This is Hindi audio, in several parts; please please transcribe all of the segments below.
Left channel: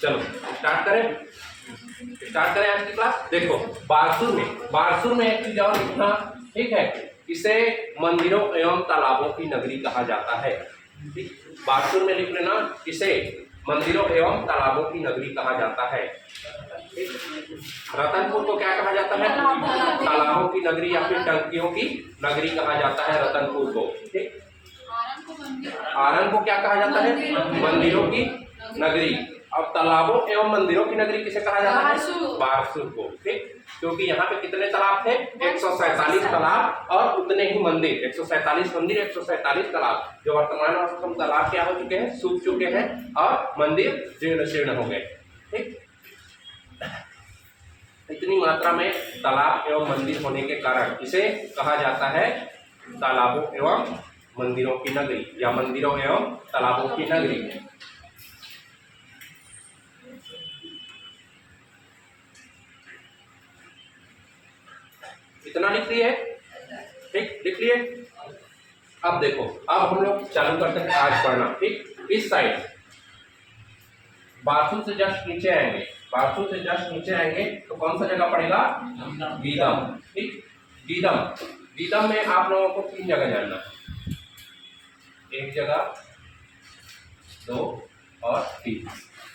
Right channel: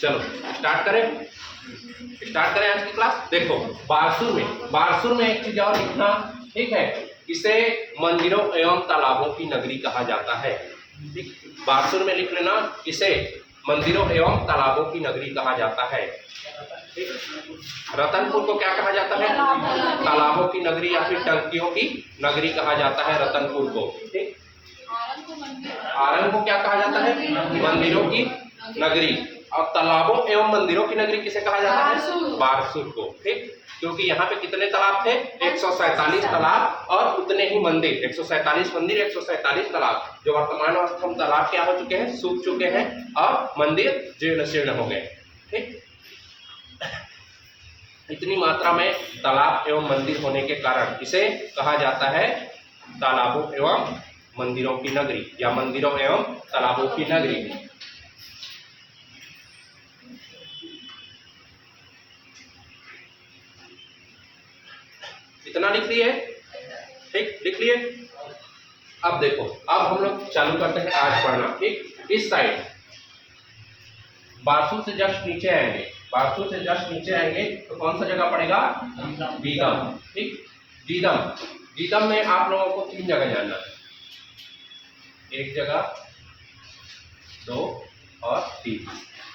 चलो स्टार्ट करें आज की क्लास। देखो बारसूर में एक चीज और लिखना, ठीक है। इसे मंदिरों एवं तालाबों की नगरी कहा जाता है। ठीक, बारसूर में लिख लेना, इसे मंदिरों एवं तालाबों की नगरी कहा जाता है। रतनपुर को क्या कहा जाता है? तालाबों की नगरी या फिर टंकियों की नगरी कहा जाता है रतनपुर को। ठीक, आरंग को क्या कहा जाता है? मंदिरों की नगरी। और तालाबों एवं मंदिरों की नगरी किसे कहा जाता है? बारसूर को। ठीक, क्योंकि यहाँ पे कितने तालाब थे? 147 तालाब और उतने ही मंदिर, 147 मंदिर, 147 तालाब। जो वर्तमान अवस्था में तालाब क्या हो चुके हैं? सूख चुके हैं और मंदिर जीर्ण शीर्ण हो गए। ठीक, इतनी मात्रा में तालाब एवं मंदिर होने के कारण इसे कहा जाता है तालाबों एवं मंदिरों की नगरी या मंदिरों एवं तालाबों की नगरी। इतना लिख लिए? ठीक, लिख लिए। अब देखो, अब हम लोग चालू करते हैं आज पढ़ना। ठीक, इस साइड बारसूर से जस्ट नीचे आएंगे तो कौन सा जगह पड़ेगा? गीदम। ठीक, गीदम में आप लोगों को 3 जगह जानना है। 1 जगह, 2 और 3।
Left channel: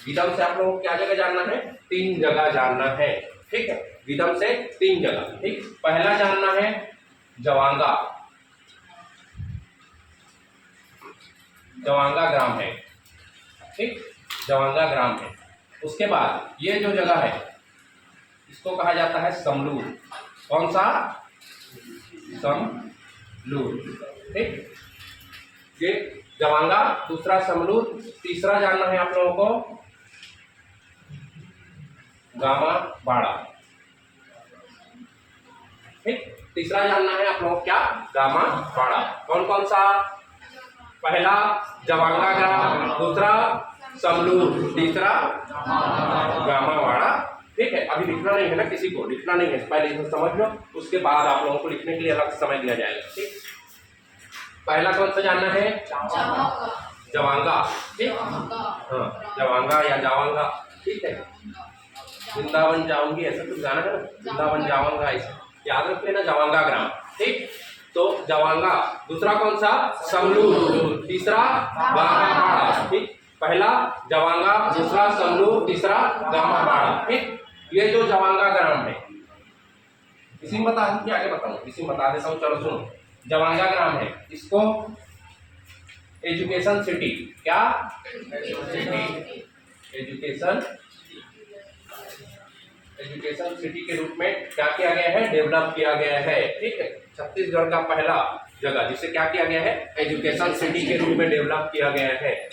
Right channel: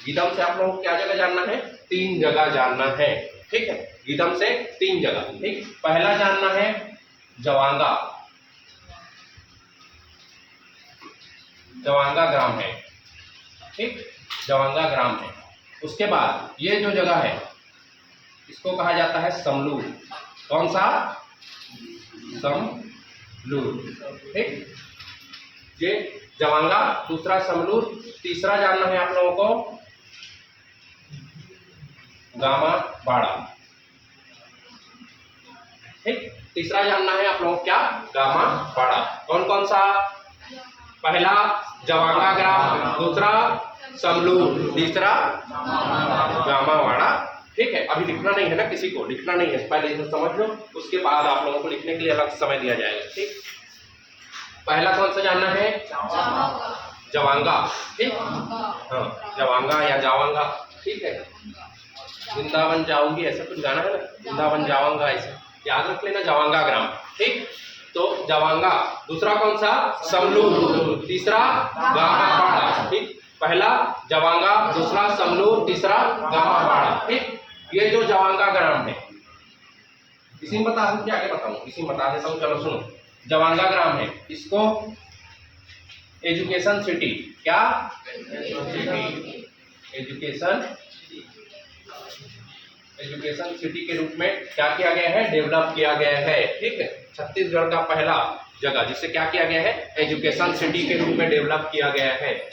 गीदम से आप लोगों को क्या जगह जानना है? 3 जगह जानना है। ठीक है, गीदम से 3 जगह। ठीक, पहला जानना है जवांगा ग्राम है। ठीक, जवांगा ग्राम है। उसके बाद ये जो जगह है इसको कहा जाता है समलूर। कौन सा? समलूर। ठीक, ये जवांगा, दूसरा समलूर, तीसरा जानना है आप लोगों को गामा बाड़ा। ठीक, तीसरा जानना है आप लोगों को क्या? गामा बाड़ा। कौन कौन सा? पहला जवांगा ग्राम, दूसरा समलूर, तीसरा गामा बाड़ा। ठीक है, अभी लिखना नहीं है ना, किसी को लिखना नहीं है, पहले इसे समझ लो, उसके बाद आप लोगों को लिखने के लिए अलग समय दिया जाएगा। ठीक, पहला कौन सा जानना है? जवांगा। ठीक, हाँ, जवांगा या जावांगा। ठीक है, वृंदावन जाऊंगी ऐसा कुछ गाना है ना, वृंदावन जावांगा, ऐसा याद रख लेना, जवांगा ग्राम। ठीक, तो जवांगा, दूसरा कौन सा? समलूर, तीसरा गामा बाड़ा। ठीक, पहला जवांगा, दूसरा समलूर, तीसरा गामा बाड़ा। ठीक, ये जो जवांगा ग्राम है, इसी में बता दूं कि आगे बताऊं? इसी में बता देता हूं, चलो सुनो। जवांगा ग्राम है, इसको एजुकेशन सिटी, क्या? एजुकेशन सिटी के रूप में क्या किया गया है? डेवलप किया गया है। ठीक है, छत्तीसगढ़ का पहला जगह जिसे क्या किया गया है? एजुकेशन सिटी के रूप में डेवलप किया गया है।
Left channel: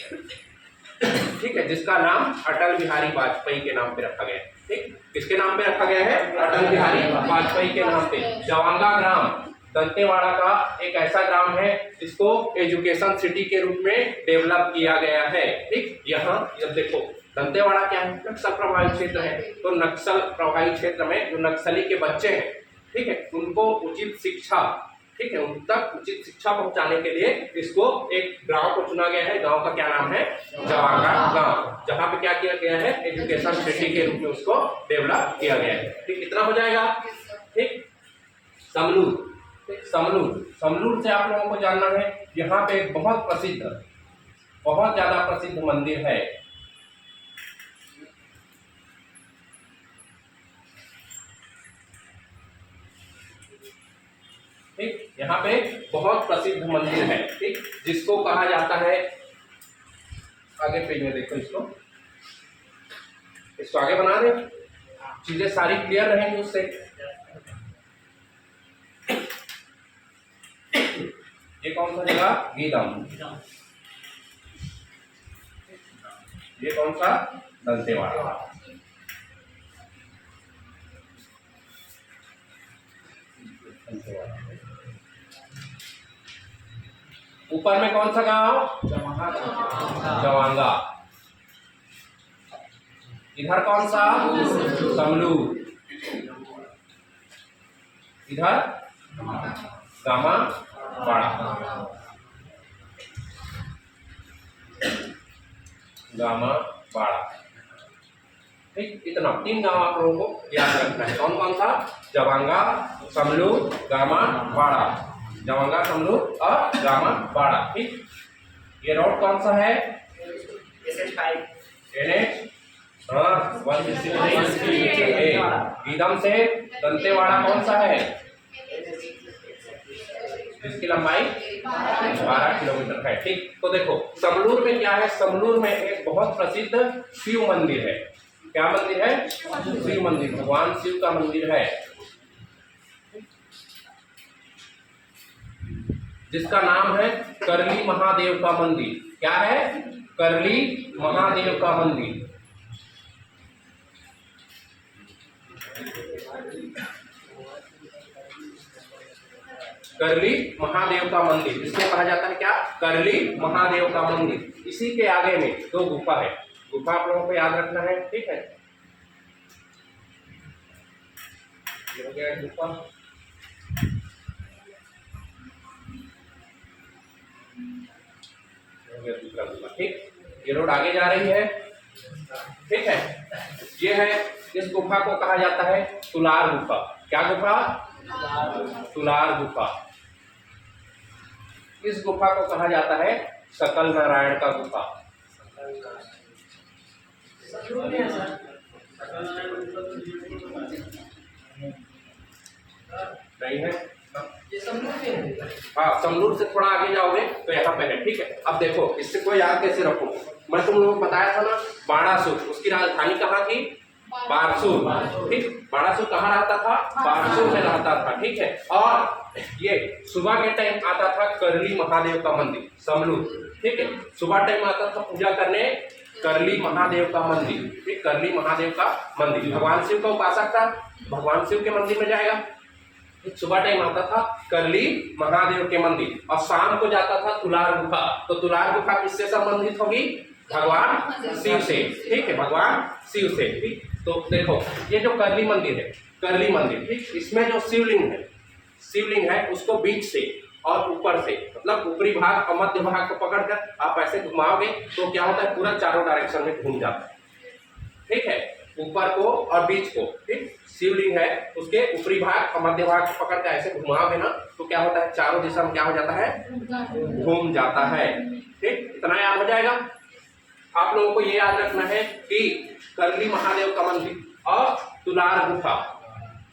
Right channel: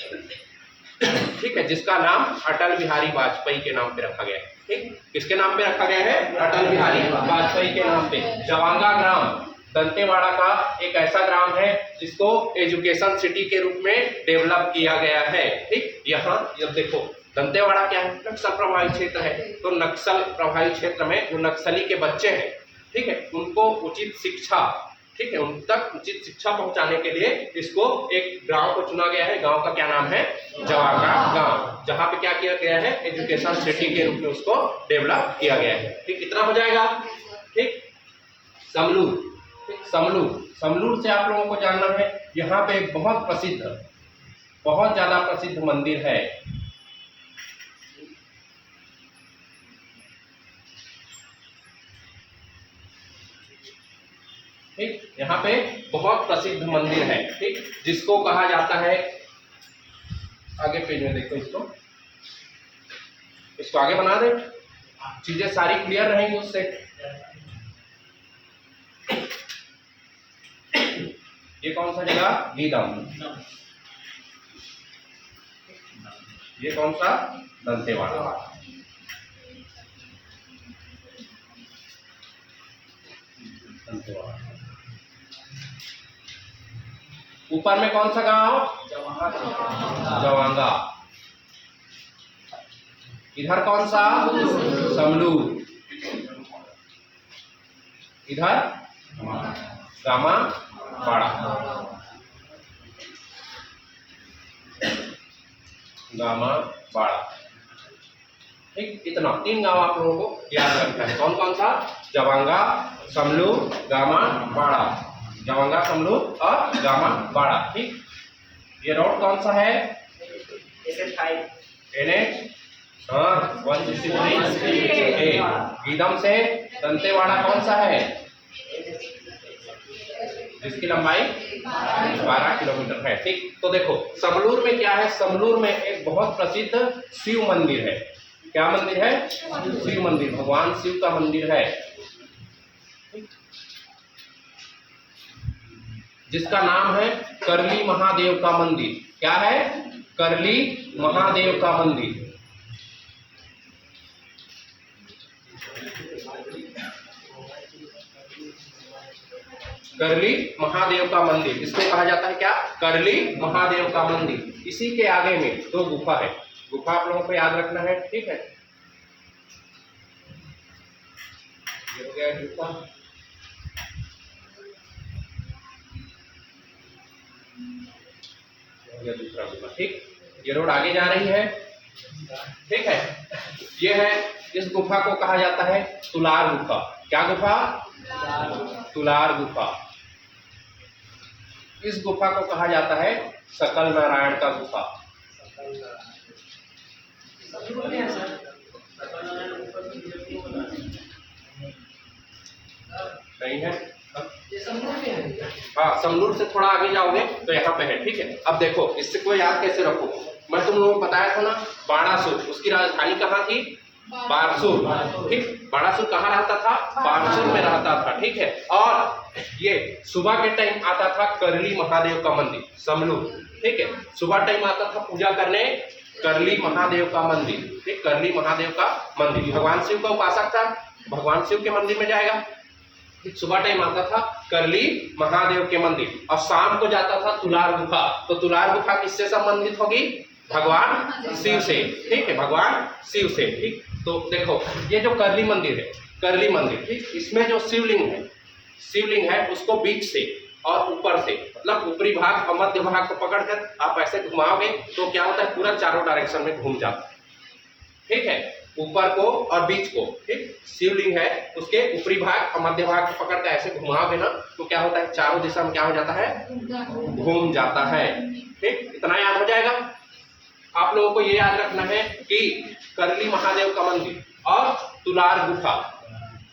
ठीक है, जिसका नाम अटल बिहारी वाजपेयी के नाम पे रखा गया है। ठीक, किसके नाम पे रखा गया है? अटल बिहारी वाजपेयी के नाम पे। जवांगा ग्राम दंतेवाड़ा का एक ऐसा ग्राम है जिसको एजुकेशन सिटी के रूप में डेवलप किया गया है। ठीक, यहाँ जब देखो दंतेवाड़ा क्या है? नक्सल प्रभावित क्षेत्र है। तो नक्सल प्रभावित क्षेत्र में जो नक्सली के बच्चे हैं, ठीक है, उनको उचित शिक्षा, ठीक है, उन तक उचित शिक्षा पहुंचाने के लिए इसको एक गांव को चुना गया है। गांव का क्या नाम है? जवांगा गांव, जहां पे क्या किया गया है? एजुकेशन सिटी के रूप में उसको डेवलप किया गया है। ठीक, कितना हो जाएगा? ठीक, समलूर। समलूर से आप लोगों को जानना है, यहाँ पे एक बहुत ज्यादा प्रसिद्ध मंदिर है। ठीक, यहाँ पे बहुत प्रसिद्ध मंदिर है। ठीक, जिसको कहा जाता है, आगे पेज में देखो, इसको आगे बना दे, चीजें सारी क्लियर रहेंगी उससे। ये कौन सा जगह? गीदम। ये कौन सा? दंतेवाड़ा। ऊपर में कौन सा गांव? जवांगा। इधर कौन सा? समलूर। इधर गामा बाड़ा। गामा बाड़ा। ठीक, इतना 3 गांव आप लोगों को याद रखना है। कौन कौन सा? जवांगा, समलूर, गामा, बाड़ा। जवांगा, समलूर और गामा, बाड़ा। ठीक, ये रोड कौन सा है? NH 163। गीदम से दंतेवाड़ा कौन सा है? जिसकी लंबाई 12 किलोमीटर है। ठीक, तो देखो समलूर में क्या है? समलूर में एक बहुत प्रसिद्ध शिव मंदिर है। क्या मंदिर है? शिव मंदिर, भगवान शिव का मंदिर है, जिसका नाम है करली महादेव का मंदिर। क्या है? करली महादेव का मंदिर। करली महादेव का मंदिर, इसको कहा जाता है क्या? करली महादेव का मंदिर। इसी के आगे में 2 गुफा है। गुफा आप लोगों को याद रखना है। ठीक है, ये हो गया गुफा। हो गया दूसरा गुफा। ठीक, ये रोड आगे जा रही है। ठीक है, ये है, इस गुफा को कहा जाता है तुलार गुफा। क्या गुफा? तुलार गुफा। इस गुफा को कहा जाता है सकल नारायण का गुफा। नहीं है? हाँ, समलूर से थोड़ा आगे जाओगे तो यहाँ पे है। ठीक है, अब देखो इससे को याद कैसे रखो। मैं तुम लोगों को बताया था ना, बाणासुर, उसकी राजधानी कहाँ थी? बारसूर। ठीक, बाणासुर कहाँ रहता था? बारसूर में रहता था। ठीक है, और ये सुबह के टाइम आता था करली महादेव का मंदिर, समलूर। ठीक है, सुबह टाइम आता था पूजा करने करली महादेव का मंदिर। ठीक, करली महादेव का मंदिर, भगवान शिव का उपासक था, भगवान शिव के मंदिर में जाएगा। सुबह टाइम आता था करली महादेव के मंदिर, और शाम को जाता था तुलार गुफा। तो तुलार गुफा किससे संबंधित होगी? भगवान शिव से। ठीक है, भगवान शिव से। ठीक, तो देखो ये जो करली मंदिर है, करली मंदिर, ठीक, इसमें जो शिवलिंग है उसको बीच से और ऊपर से, मतलब ऊपरी भाग और मध्य भाग को पकड़कर आप ऐसे घुमाओगे तो क्या होता है? पूरा चारों डायरेक्शन में घूम जाता है। ठीक है, ऊपर को और बीच को। ठीक, शिवलिंग है, उसके ऊपरी भाग और मध्य भाग को पकड़ कर ऐसे घुमाओगे ना तो क्या होता है? चारों दिशा में क्या हो जाता है? घूम जाता है। ठीक, इतना याद हो जाएगा। आप लोगों को ये याद रखना है कि करली महादेव का मंदिर और तुलार गुफा,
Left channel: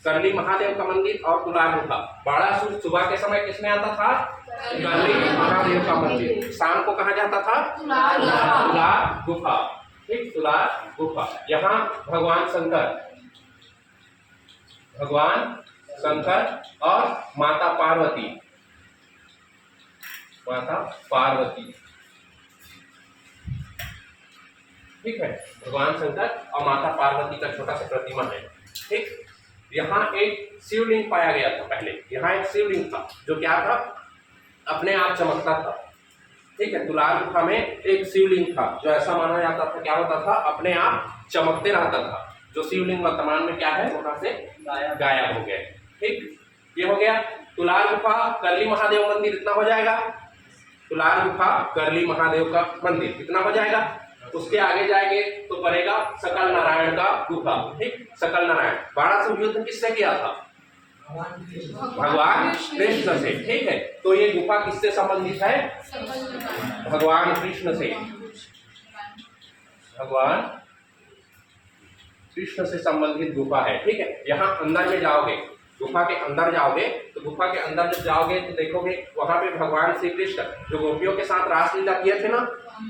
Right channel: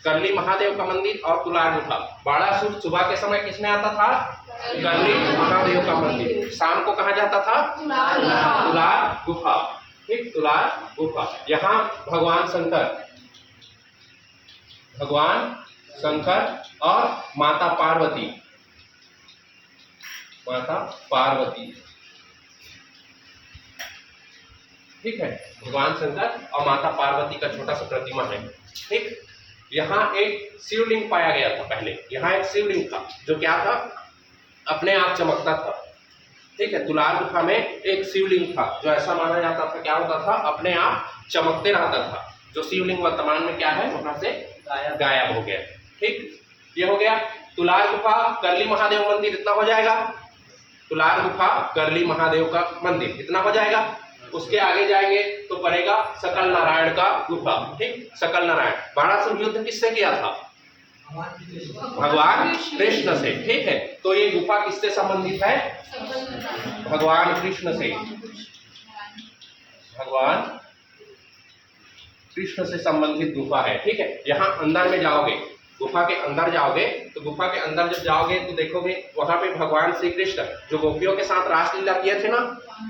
करली महादेव का मंदिर और तुलार गुफा। बाणासुर सुबह के समय किसमें आता था? करली महादेव का मंदिर। शाम को कहा जाता था? तुलार गुफा। ठीक, तुलार गुफा। यहाँ भगवान शंकर और माता पार्वती। ठीक है, भगवान शंकर और माता पार्वती का छोटा सा प्रतिमा है। ठीक, यहाँ एक शिवलिंग पाया गया था पहले। यहाँ एक शिवलिंग था जो क्या था? अपने आप चमकता था। ठीक है, तुलार गुफा में एक शिवलिंग था जो ऐसा माना जाता था, क्या होता था? अपने आप चमकते रहता था। जो शिवलिंग वर्तमान में क्या है? वहां से गायब हो गया। ठीक, ये हो गया तुलार गुफा, करली महादेव मंदिर, इतना हो जाएगा। तुलार गुफा, करली महादेव का मंदिर, इतना हो जाएगा। उसके आगे जाएंगे तो पड़ेगा सकल नारायण का गुफा। ठीक, सकल नारायण। बाणासुर युद्ध किससे किया था? भगवान कृष्ण से। ठीक है, तो ये गुफा किससे संबंधित है? भगवान कृष्ण से। भगवान कृष्ण से संबंधित गुफा है। ठीक है, यहाँ अंदर में जाओगे, गुफा के अंदर जाओगे तो गुफा के अंदर जब जाओगे तो देखोगे वहां पे भगवान श्री कृष्ण जो गोपियों के साथ रासलीला किए थे ना,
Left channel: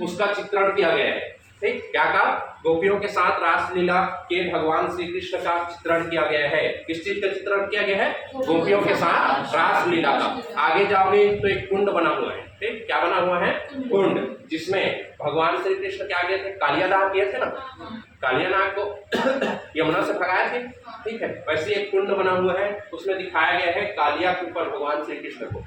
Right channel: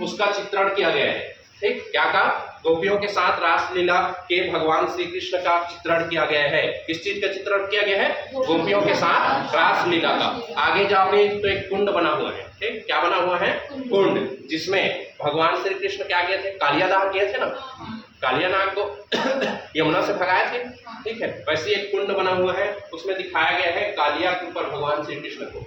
उसका चित्रण किया गया है। ठीक, क्या का? गोपियों के साथ रासलीला के भगवान श्री कृष्ण का चित्रण किया गया है। किस चीज का चित्रण किया गया है? गोपियों के साथ रासलीला का। आगे जाओगे तो एक कुंड बना हुआ है। ठीक, क्या बना हुआ है? कुंड, जिसमें भगवान श्री कृष्ण क्या किए थे? कालियादाह किए थे ना, कालियानाग को यमुना से भगाए थे। ठीक है, वैसे एक कुंड बना हुआ है, उसमें दिखाया गया है कालिया के ऊपर भगवान श्री कृष्ण को।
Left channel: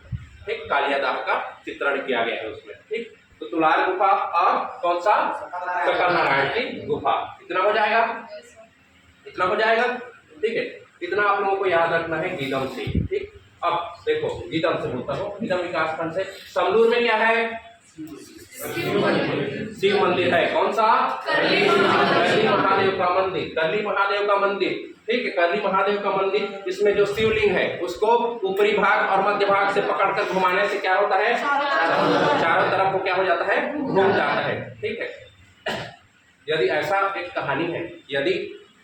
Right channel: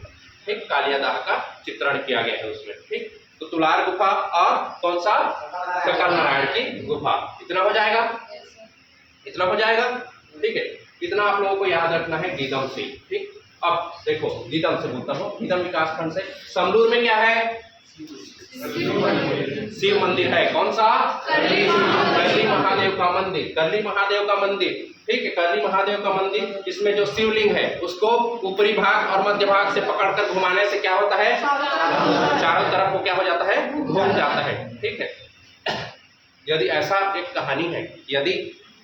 ठीक, कालियादाह का चित्रण किया गया है उसमें। ठीक, तो तुलार गुफा और कौन सा? सकल नारायण की गुफा। इतना हो जाएगा, इतना हो जाएगा। ठीक है, इतना आप लोगों को याद रखना है गीदम से। ठीक, अब देखो गीदम से बोलता हूँ, गीदम विकास खंड से। समलूर में क्या है? शिव मंदिर है। कौन सा? करली महादेव का मंदिर, कर्ली महादेव का मंदिर, ठीक है, कर्ली महादेव का मंदिर, इसमें जो शिवलिंग है उसको ऊपरी भाग और मध्य भाग से पकड़कर घुमाने से क्या होता है, चारों तरफ वो क्या हो जाता है, घूम जाता है, ठीक है। यदि ऐसा एक कहानी है, यदि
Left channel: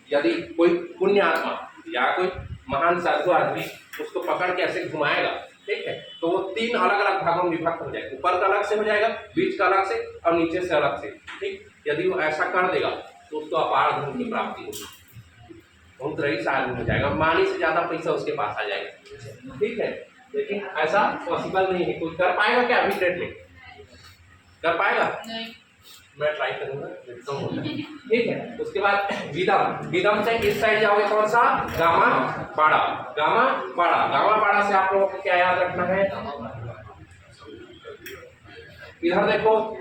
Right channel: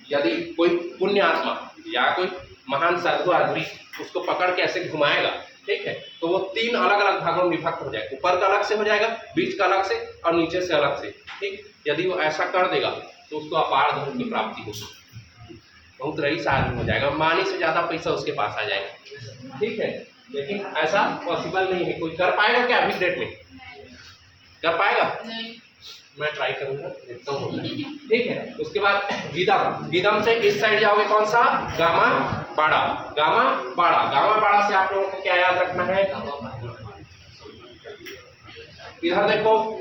यदि कोई पुण्य आत्मा या कोई महान साधु आदमी उसको पकड़ के ऐसे घुमाएगा, ठीक है, तो वो 3 अलग अलग भागों में विभक्त हो जाएगा, ऊपर का अलग से हो जाएगा, बीच का अलग से और नीचे से अलग से, ठीक। यदि वो ऐसा कर देगा तो उसको अपार धन की प्राप्ति होगी, बहुत रईस आदमी हो जाएगा, अंबानी से ज्यादा पैसा उसके पास आ जाएगा, ठीक है। लेकिन ऐसा पॉसिबल नहीं है, कोई कर पाएगा क्या अभी डेट में, कर पाएगा? नहीं। मैं ट्राई करूंगा, देखता हूँ, ठीक है। उसके बाद गीदम, गीदम से इस साइड जाओगे कौन सा, गामा बाड़ा, गामा बाड़ा, गामा बाड़ा से आप लोगों को क्या याद रखना है, इधर देखो,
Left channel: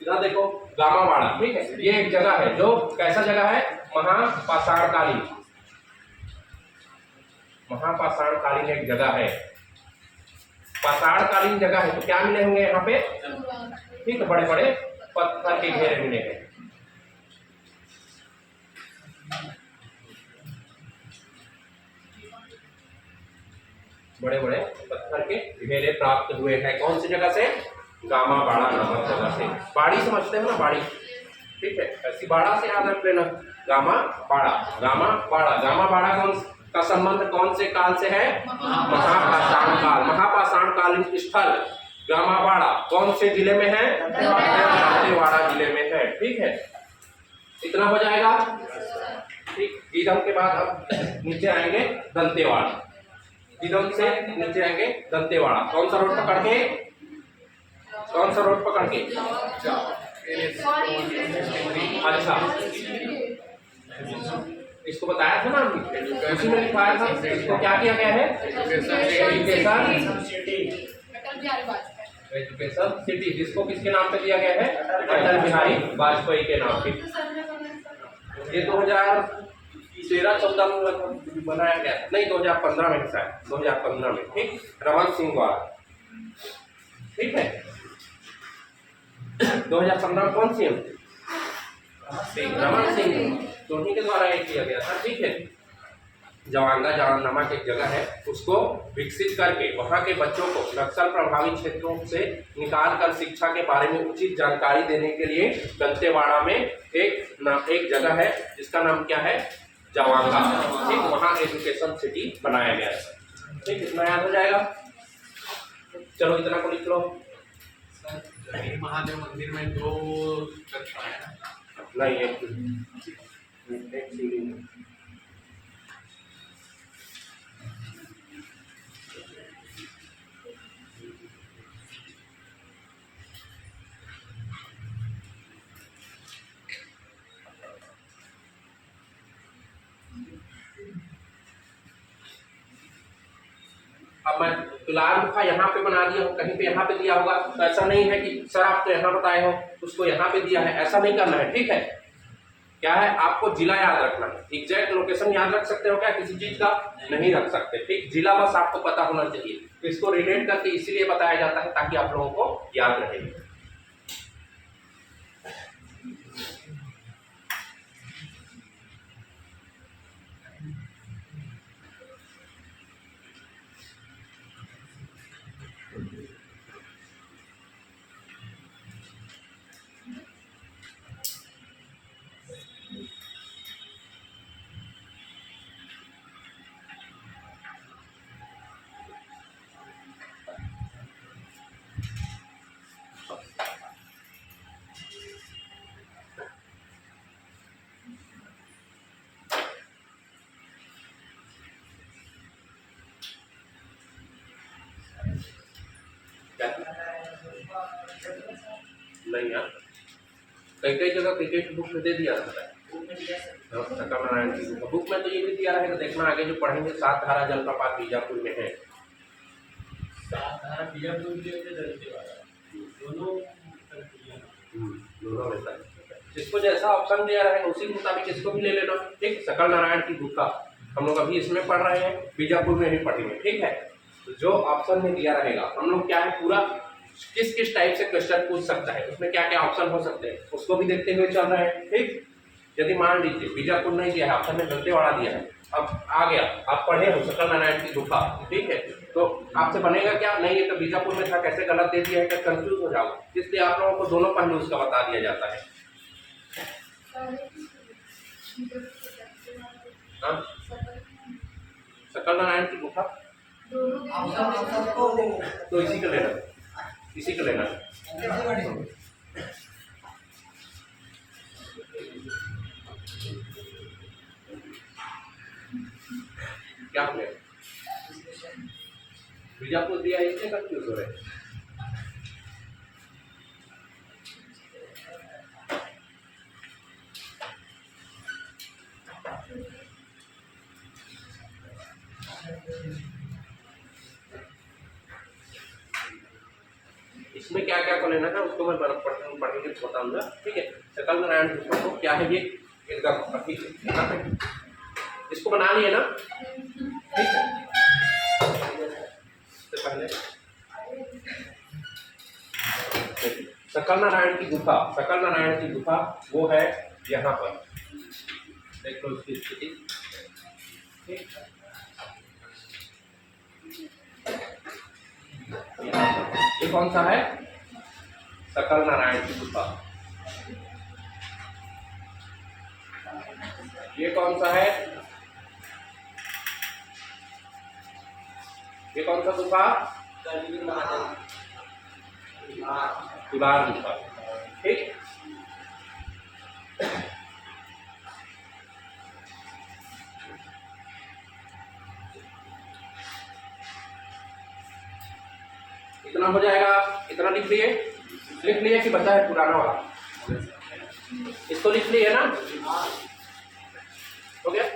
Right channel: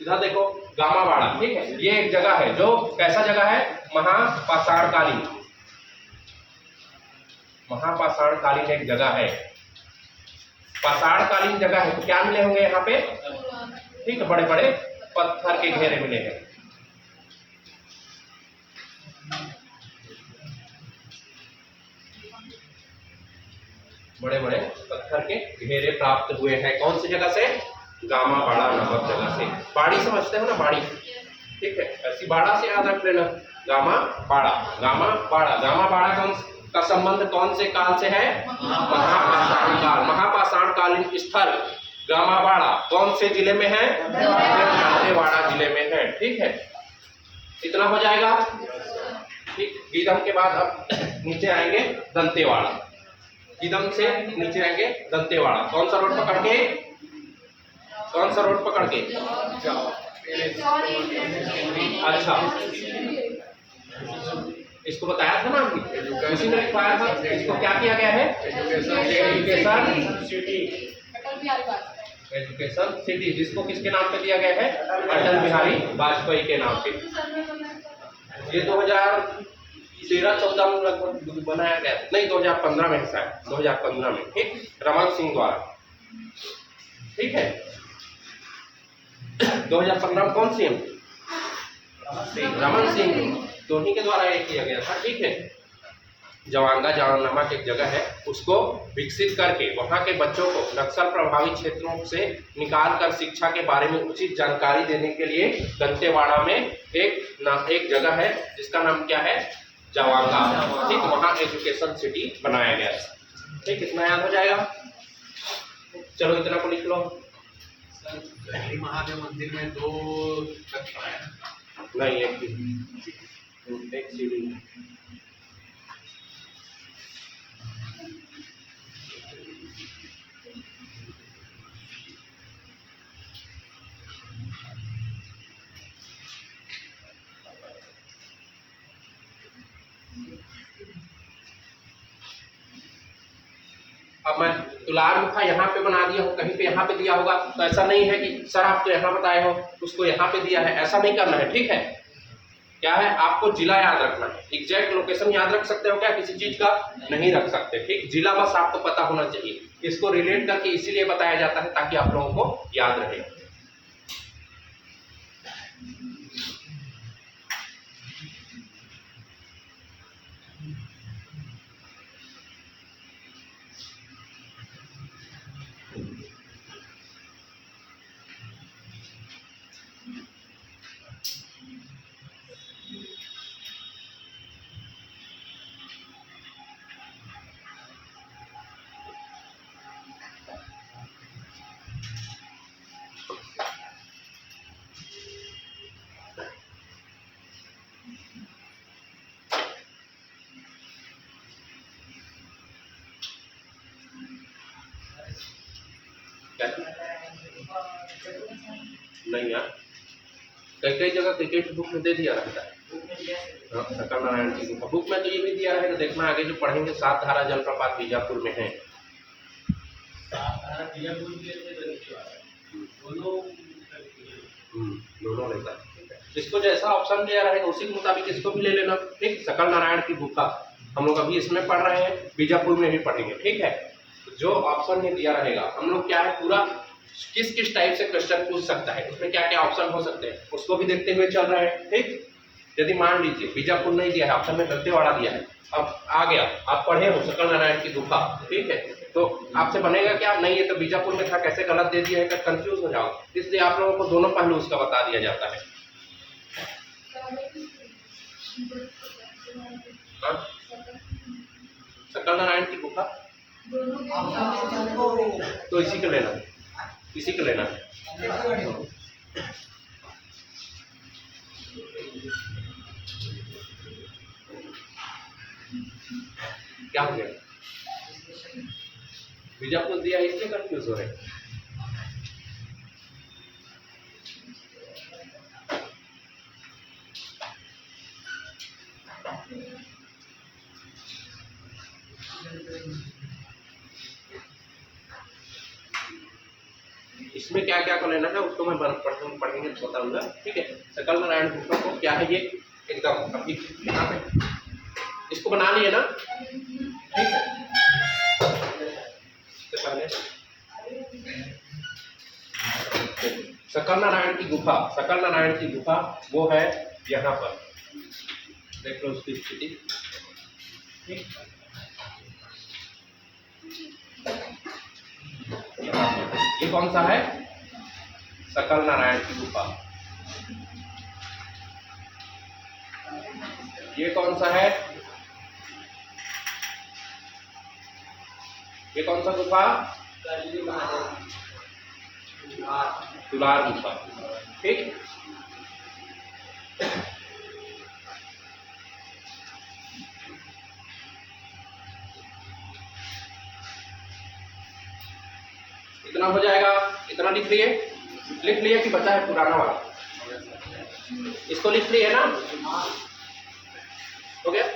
इधर देखो, गामा बाड़ा, ठीक है। ये एक जगह है जो कैसा जगह है, महापाषाणकालीन, महापाषाणकालीन एक जगह है, पाषाणकालीन जगह है, तो क्या मिले होंगे यहाँ पे, ठीक है, बड़े बड़े पत्थर के घेरे मिले हैं, बड़े बड़े पत्थर के घेरे प्राप्त हुए हैं, कौन सी जगह से, गामा बाड़ा नामक जगह से। बाड़ी समझते हो ना, बाड़ी, ठीक है, ऐसी बाड़ा से याद रख लेना, गामा बाड़ा, गामा बाड़ा, गामा बाड़ा कौन का संबंध कौन से काल से है, महापाषाण काल, महापाषाण कालीन स्थल गामा बाड़ा कौन से जिले में है, दंतेवाड़ा जिले में है, ठीक है। इतना हो जाएगा, ठीक। गीदम के बाद अब नीचे आएंगे दंतेवाड़ा, गीदम से नीचे आएंगे दंतेवाड़ा, कौन सा रोड पकड़ के, कौन सा रोड पकड़ के, अच्छा, इसको बताया था ना हमने, उसी में लिखाया था, इसको क्या किया गया है, एजुकेशन सिटी, जिसको किसके नाम पे दिया गया है, अटल बिहारी वाजपेयी के नाम पे। ये 2013-14 में लगभग बनाया गया, नहीं 2015 में शायद, 2015 में, ठीक, रमन सिंह द्वारा, ठीक है। 2015 में कौन सीएम, रमन सिंह, तो उन्हीं के द्वारा ये किया गया था, ठीक है। जवांगा जान नामक एक जगह है, उसको विकसित करके वहाँ के बच्चों को नक्सल प्रभावित क्षेत्रों से निकाल कर शिक्षा के बारे में उचित जानकारी देने के लिए दंतेवाड़ा में एक जगह है जिसका नाम क्या है, जवांगा, ठीक, वहाँ एजुकेशन सिटी बनाया गया था, ठीक। इतना याद हो जाएगा, चलो इतना को लिख लो। महादेव मंदिर में 2 कक्षा है ना, नहीं, एक सीढ़ी, अब मैं तुलार गुफा यहाँ पे बना दिया हूँ, कहीं पे यहाँ पे दिया होगा, तो ऐसा नहीं है कि सर आप तो यहाँ बताए हो उसको यहाँ पे दिया है, ऐसा नहीं करना है, ठीक है। क्या है, आपको जिला याद रखना है, एग्जैक्ट लोकेशन याद रख सकते हो क्या किसी चीज का, नहीं रख सकते, ठीक, जिला बस आपको पता होना चाहिए। इसको रिलेट करके इसीलिए बताया जाता है ताकि आप लोगों को याद रहे। नहीं यार, कई कई जगह क्रिकेट बुक में दे दिया रहता है, सकल नारायण की बुक में तो ये भी दिया रहेगा, देखना आगे जो पढ़ेंगे, 7 धारा जलप्रपात बीजापुर में है, दोनों लेता है। इसको जैसा ऑप्शन दिया रहेगा उसी के मुताबिक इसको भी ले लेना, ठीक। सकल नारायण की बुक का हम लोग अभी इसमें पढ़ रहे हैं, बीजापुर में भी पढ़ेंगे, ठीक है। तो जो ऑप्शन में दिया रहेगा हम लोग क्या है पूरा किस किस टाइप से क्वेश्चन पूछ सकता है, उसमें क्या क्या ऑप्शन हो सकते हैं उसको भी देखते हुए चल रहे हैं, ठीक। यदि मान लीजिए बीजापुर नहीं दिया है, ऑप्शन में दंतेवाड़ा दिया है, अब आ गया, आप पढ़े हो सकल नारायण की गुफा, ठीक है, तो आपसे बनेगा क्या, नहीं ये तो बीजापुर में था, कैसे गलत दे दिया है, कर कंफ्यूज हो जाओ, इसलिए आप लोगों को दोनों पहलू उसका बता दिया जाता है। हाँ? सकल नारायण की गुफा तो इसी को लेना है, इसी को लेना है। क्या हो गया, बीजापुर दिया इसलिए कंफ्यूज हो रहे हैं। इसमें क्या क्या को लेना है उसको मैं पढ़ेंगे तो बताऊंगा, ठीक है। सकल नारायण गुफा को क्या है, ये एकदम अभी यहाँ पे इसको बना लिए ना, ठीक है। इससे पहले सकल नारायण की गुफा, सकल नारायण की गुफा वो है यहाँ पर, देख लो उसकी स्थिति, ठीक। ये कौन सा है, सकल नारायण की गुफा। ये कौन सा है, ये कौन सा गुफा, तुलार गुफा, ठीक। इतना हो जाएगा, इतना लिख लिए कि बचा है पुराना वाला, इसको लिख लिए ना, हो गया।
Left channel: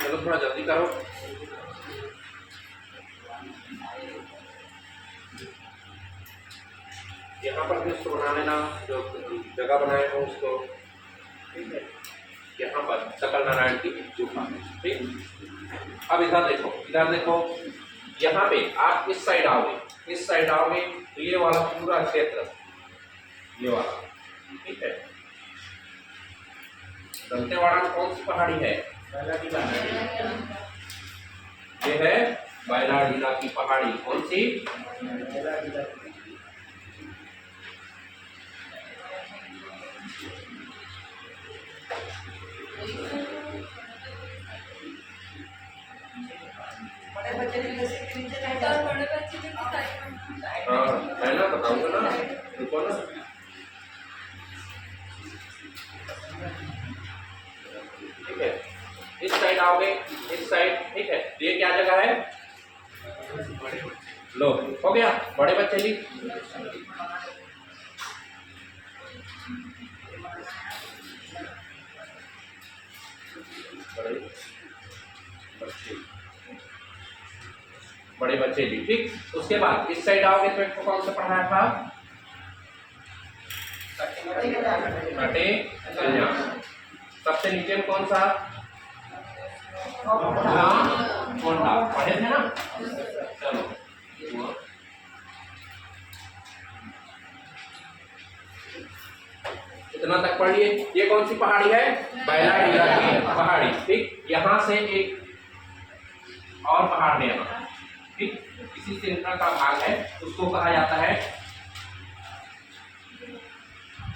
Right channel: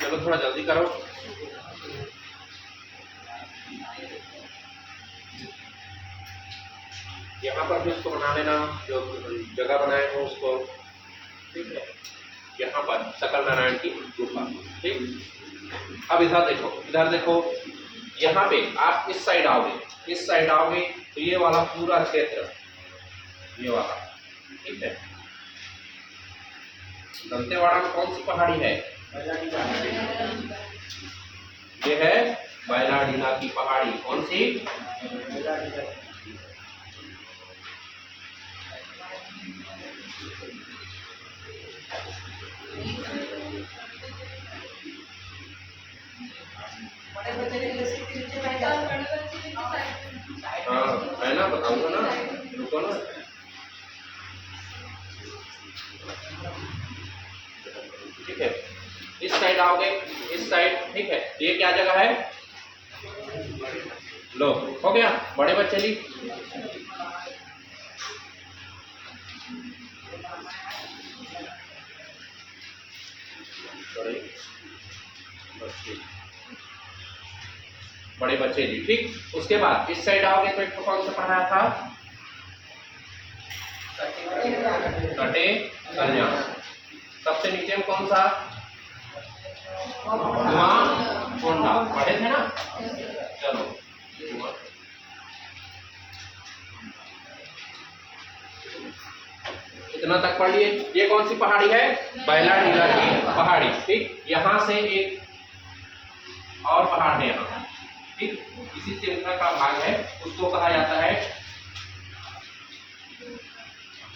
चलो थोड़ा जल्दी करो। यहाँ पर भी उसको बना लेना, जो जगह बनाए हो उसको, ठीक है। यहाँ पर सकल नारायण की गुफा, ठीक। अब इधर देखो, इधर देखो, यहाँ पे आप इस साइड आओगे, इस साइड आओगे तो ये वाला पूरा क्षेत्र, ये वाला, ठीक है। दंतेवाड़ा में कौन सी पहाड़ी है, ये है बैलाडीला की पहाड़ी, कौन सी, हाँ मैं ना बताऊंगा ना, रुको ना, ठीक है। इस साइड आओगे, इस साइड, ठीक है। ये क्या जगह है, लो हो गया, बड़े बच्चे जी, बड़े बच्चे जी, ठीक। उसके बाद इस साइड आओगे तो एक को कौन सा पढ़ाया था, कटे कन्या, सबसे नीचे में कौन सा, कोंडा, पढ़े थे ना, चलो इतना तक पढ़ लिए। ये कौन सी पहाड़ी है, बैलाडीला की पहाड़ी, ठीक। यहाँ से एक और पहाड़ है यहाँ, ठीक, इसी श्रृंखला का भाग है, उसको कहा जाता है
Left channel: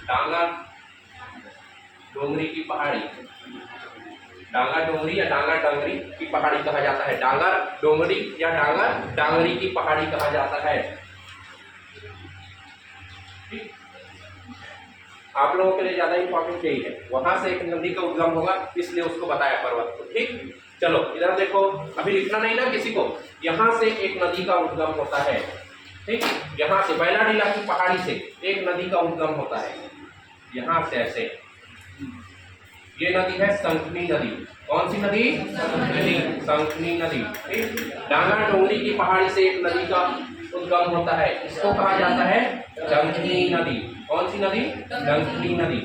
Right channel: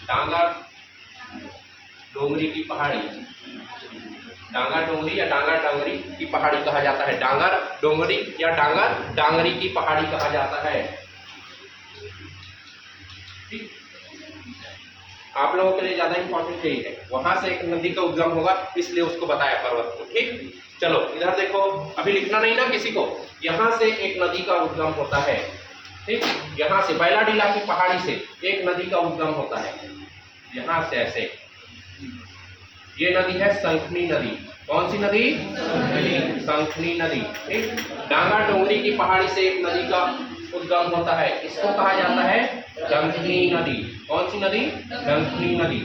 डांगर डोंगरी की पहाड़ी, डांगर डोंगरी या डांगर डांगरी की पहाड़ी कहा जाता है, डांगर डोंगरी या डांगर डांगरी की पहाड़ी कहा जाता है, ठीक। आप लोगों के लिए ज्यादा इंपॉर्टेंट यही है, वहां से एक नदी का उद्गम होगा, इसलिए उसको बताया पर्वत को, ठीक। चलो इधर देखो, अभी लिखना नहीं ना किसी को, यहाँ से एक नदी का उद्गम होता है, ठीक, यहाँ से बैलाडीला की पहाड़ी से एक नदी का उद्गम होता है, यहाँ से ऐसे। ये नदी है संखनी नदी। कौन सी नदी? संखनी नदी। ठीक, डांगा डोंगरी की पहाड़ी से एक नदी का उद्गम होता है, इसको कहा जाता है डंकनी नदी। कौन सी नदी? डंकनी नदी।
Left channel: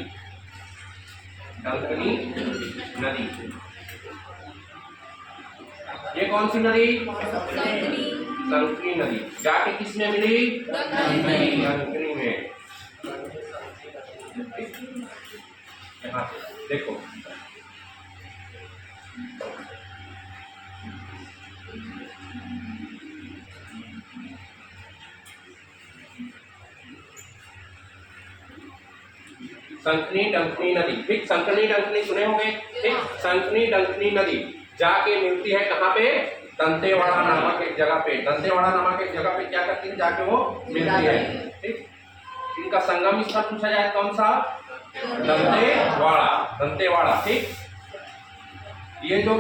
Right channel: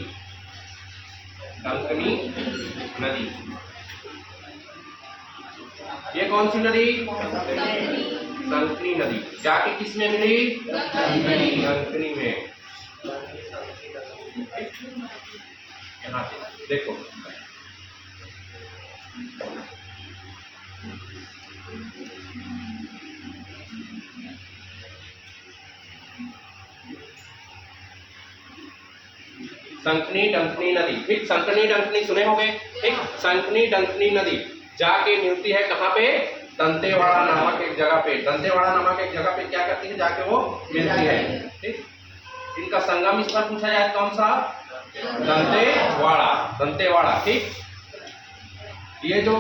डंकनी नदी। ये कौन सी नदी? संकनी नदी। जाके किस में मिली? संकनी में। यहाँ से देखो, संकनी डंकनी नदी। ठीक, संकनी डंकनी सुने होंगे। ठीक, संकनी डंकनी नदी जाके मिलती है कहाँ पे? दंतेवाड़ा नामक एक जगह पे। दंतेवाड़ा नामक एक जगह पे क्या करती है? जाके वो मिलती है। ठीक, इनका संगम स्थल पूछा जाए कौन सा? दंतेवाड़ा। दंतेवाड़ा। ठीक, ये जो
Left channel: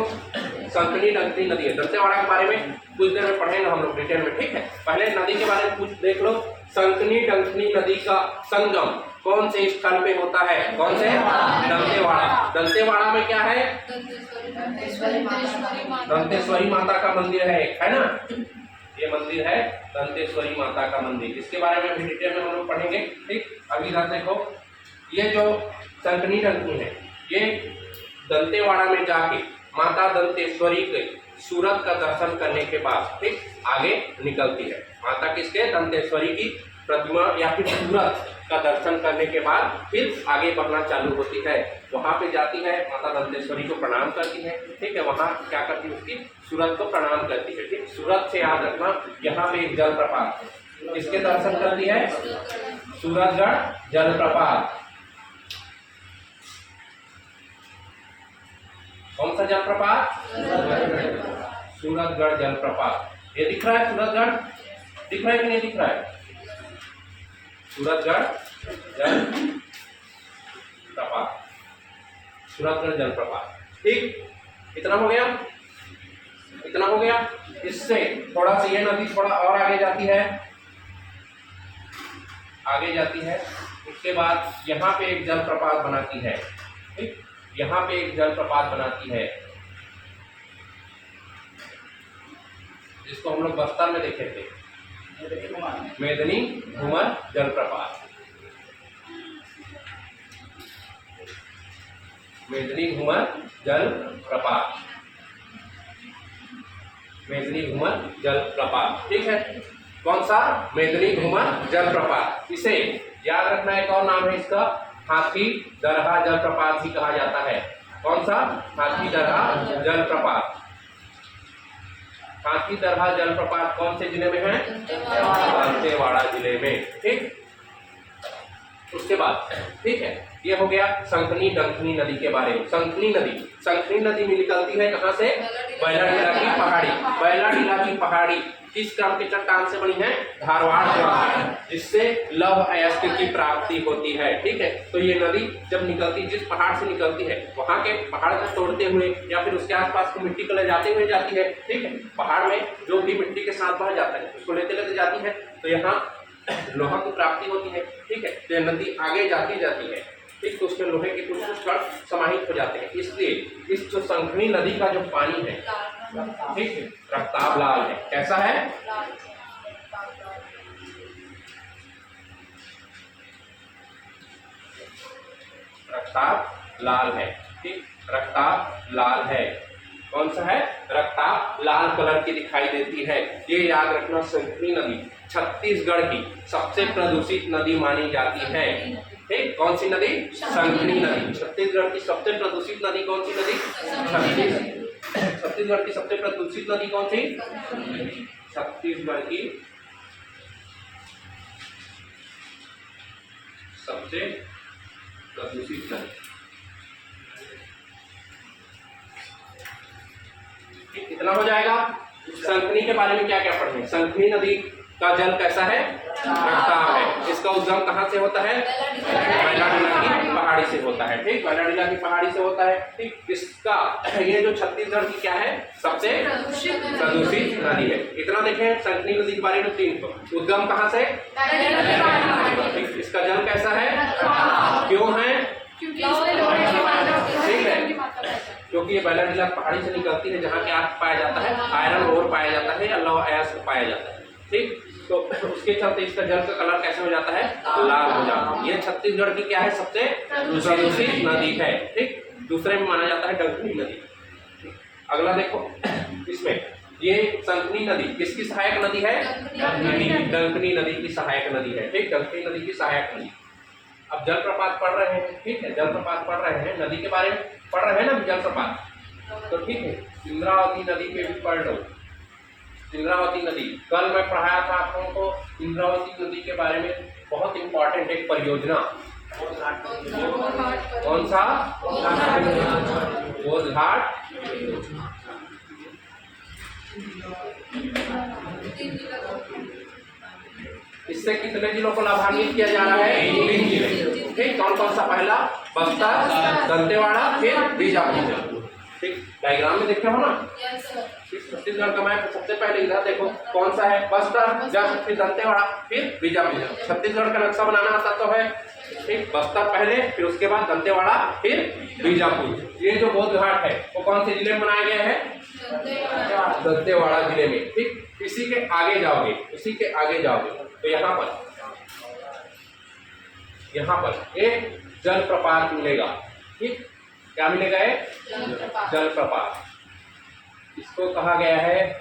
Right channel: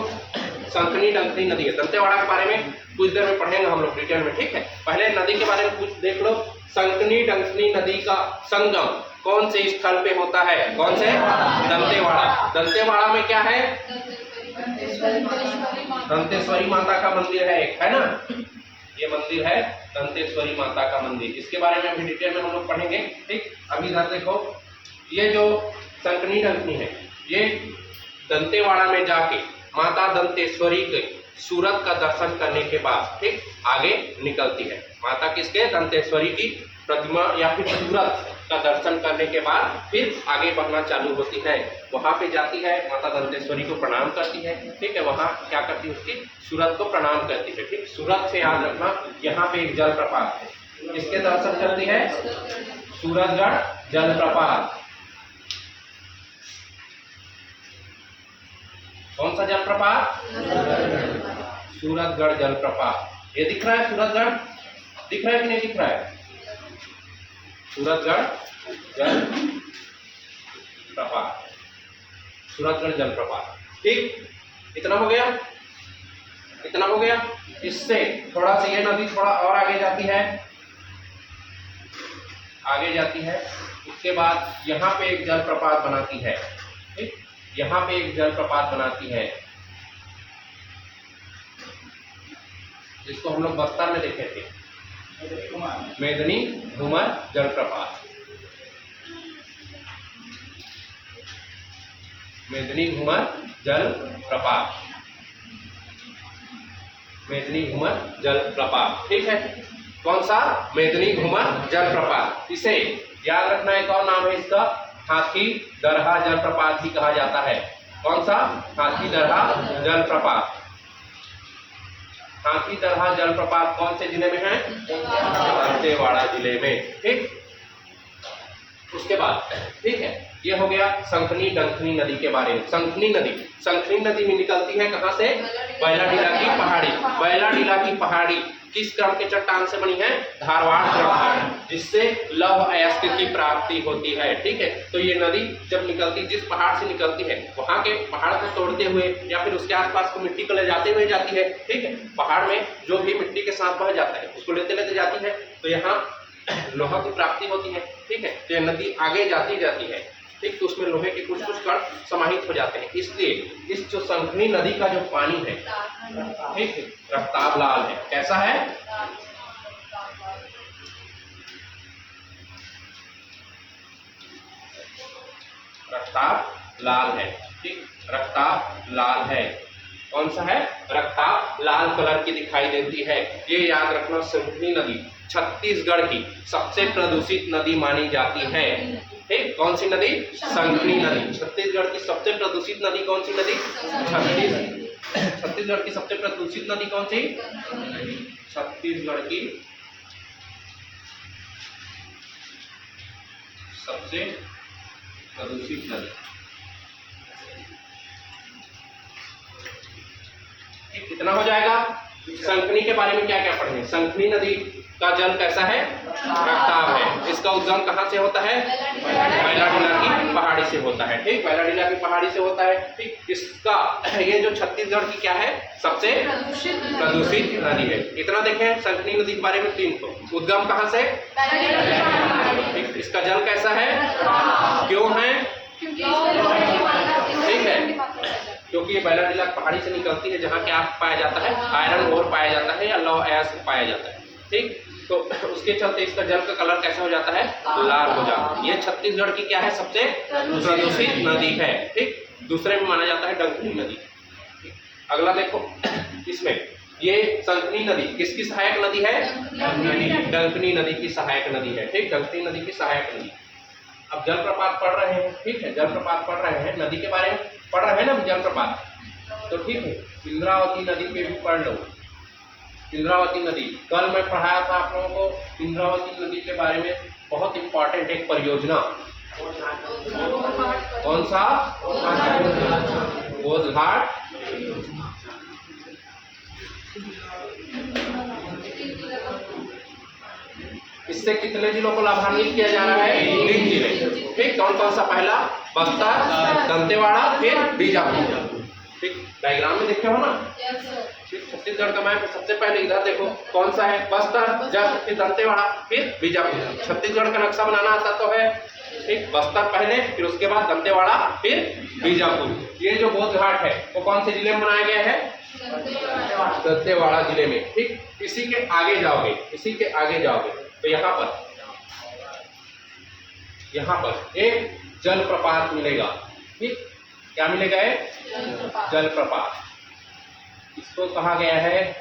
संकनी डंकनी नदी है, दंतेवाड़ा के बारे में कुछ देर में पढ़ेंगे हम लोग डिटेल में। ठीक है, पहले नदी के बारे में कुछ देख लो। संकनी डंकनी नदी का संगम कौन से स्थल पे होता है? कौन से? दंतेवाड़ा। दंतेवाड़ा में क्या है? दंतेश्वरी माता का मंदिर है एक, है ना? ये मंदिर है दंतेश्वरी माता का मंदिर। इसके बारे में अभी डिटेल में हम लोग पढ़ेंगे। ठीक, अभी इधर देखो, ये जो संकनी डंकनी है, ये दंतेवाड़ा में जाके माता दंतेश्वरी के सूरत का दर्शन करने के बाद ठीक आगे निकलती है। माता किसके? दंतेश्वरी की प्रतिमा या फिर सूरत का दर्शन करने के बाद फिर आगे बढ़ना चालू होती है। वहां पे जाती है, माता दंतेश्वरी को प्रणाम करती है। ठीक है, वहां क्या करती है? उसकी सूरत को प्रणाम करती है। ठीक, सूरत से याद रखना, यहाँ पे एक जलप्रपात है, इसके दर्शन करती है सूरतगढ़ जलप्रपात। कौन सा जलप्रपात? सूरतगढ़ जलप्रपात। ये दिख रहा है सूरतगढ़? दिख रहा है कि नहीं दिख रहा है? सूरतगढ़ जलप्रपात। सूरतगढ़ जलप्रपात। ठीक, इतना हो गया? इतना हो गया? इससे थोड़ा सा ये नदी थोड़ा और आगे जाती है, आगे जाती है। उसके बाद यहाँ पे एक जलप्रपात बनाती है। ठीक, यहाँ पे एक जलप्रपात बनाती है, जिसको हम लोग बस्तर में देखे थे, मेदनी घूमर जलप्रपात। मेदनी घूमर जलप्रपात। मेदनी घूमर जलप्रपात। ठीक है, कौन सा? मेदनी घूमर जलप्रपात। इसे याद रखना, एक और नाम है इसका, हाथी दरहा जलप्रपात भी कहा जाता है। कौन सा? हाथी दरहा जलप्रपात। हाथी दरहा जलप्रपात कौन से जिले में है? दंतेवाड़ा जिले में। ठीक, उसके बाद ठीक है, ये हो गया संकनी डंकनी नदी के बारे में। संकनी नदी, संकनी नदी में निकलती है कहाँ से? बैलाडीला की पहाड़ी। बैलाडीला की पहाड़ी किस क्रम के चट्टान से बनी है? धारवाड़ क्रम की, जिससे लौह अयस्क की प्राप्ति होती है। ठीक है, तो ये नदी जब निकलती, जिस पहाड़ से निकलती है, वहां के पहाड़ को तोड़ते हुए या फिर उसके आसपास को मिट्टी को ले जाते हुए जाती है। ठीक है, पहाड़ में जो भी मिट्टी के साथ बह जाता है उसको लेते लेते जाती है, तो यहाँ लोहा की प्राप्ति होती है। ठीक है, तो यह नदी आगे जाती है। ठीक, तो उसमें लोहे के कुछ कुछ कण समाहित हो जाते हैं। इसलिए इस जो संकनी नदी का जो पानी है, ठीक है, रक्ताब लाल है। कैसा है? रक्ताब लाल है। ठीक, रक्ताब लाल है। कौन सा है? रक्ताब लाल कलर की दिखाई देती है। ये याद रखना, संकनी नदी छत्तीसगढ़ की सबसे प्रदूषित नदी मानी जाती है। ठीक, कौन सी नदी? संकनी नदी। छत्तीसगढ़ की सबसे प्रदूषित नदी कौन सी नदी? छत्तीसगढ़ की सबसे प्रदूषित नदी कौन सी? छत्तीसगढ़ की सबसे प्रदूषित नदी। ठीक, कितना हो जाएगा? संकनी के बारे में क्या क्या पढ़े? संकनी नदी का जल कैसा है? रफ्तार है। इसका उद्गम कहाँ से होता है? बैलाडीला की पहाड़ी से होता है। ठीक, बैलाडीला की पहाड़ी से होता है। ठीक, इसका ये जो छत्तीसगढ़ की क्या है, सबसे प्रदूषित नदी है। इतना देखें संकनी नदी के बारे में 3 उद्गम कहाँ से? इसका जल कैसा है? क्यों है? ठीक है, क्योंकि ये बैलाडीला पहाड़ी से निकलती है, जहाँ क्या पाया जाता है? आयरन ओर पाया जाता है या लौह अयस्क पाया जाता है। ठीक, तो उसके चलते इसका जल का कलर कैसा हो जाता है? लाल हो जाता है। ये छत्तीसगढ़ की क्या है? सबसे प्रदूषित नदी है। ठीक, दूसरे में माना जाता है डंकनी नदी। ठीक, अगला देखो इसमें ये संकनी नदी किसकी सहायक नदी है? डंकनी नदी की सहायक नदी है। ठीक, डंकनी नदी की सहायक नदी। अब जलप्रपात पढ़ रहे हैं, ठीक है, जलप्रपात पढ़ रहे हैं, नदी के बारे में पढ़ रहे हैं ना जलप्रपात, तो ठीक है, इंद्रावती नदी के भी पढ़ लो। इंद्रावती नदी कल मैं पढ़ाया था आप लोगों को। इंद्रावती नदी के बारे में बहुत इंपॉर्टेंट एक परियोजना, कौन सा? बोध घाट। इससे कितने जिलों को लाभान्वित किया जा रहा है? 3 जिले। ठीक, कौन कौन सा? पहला बस्तर, दंतेवाड़ा, फिर बीजापुर। ठीक, डायग्राम में देखे हो ना? ठीक, छत्तीसगढ़ का मैप सबसे पहले इधर देखो कौन सा है? बस्तर, जब फिर दंतेवाड़ा, फिर बीजापुर। छत्तीसगढ़ का नक्शा बनाना आता तो है। ठीक, बस्तर पहले, फिर उसके बाद दंतेवाड़ा, फिर बीजापुर। ये जो बोध घाट है वो कौन से जिले में बनाया गया है? दंतेवाड़ा जिले में। ठीक, इसी के आगे जाओगे, इसी के आगे जाओगे तो यहाँ पर एक जलप्रपात मिलेगा। ठीक, क्या मिलेगा? एक जलप्रपात। इसको कहा गया है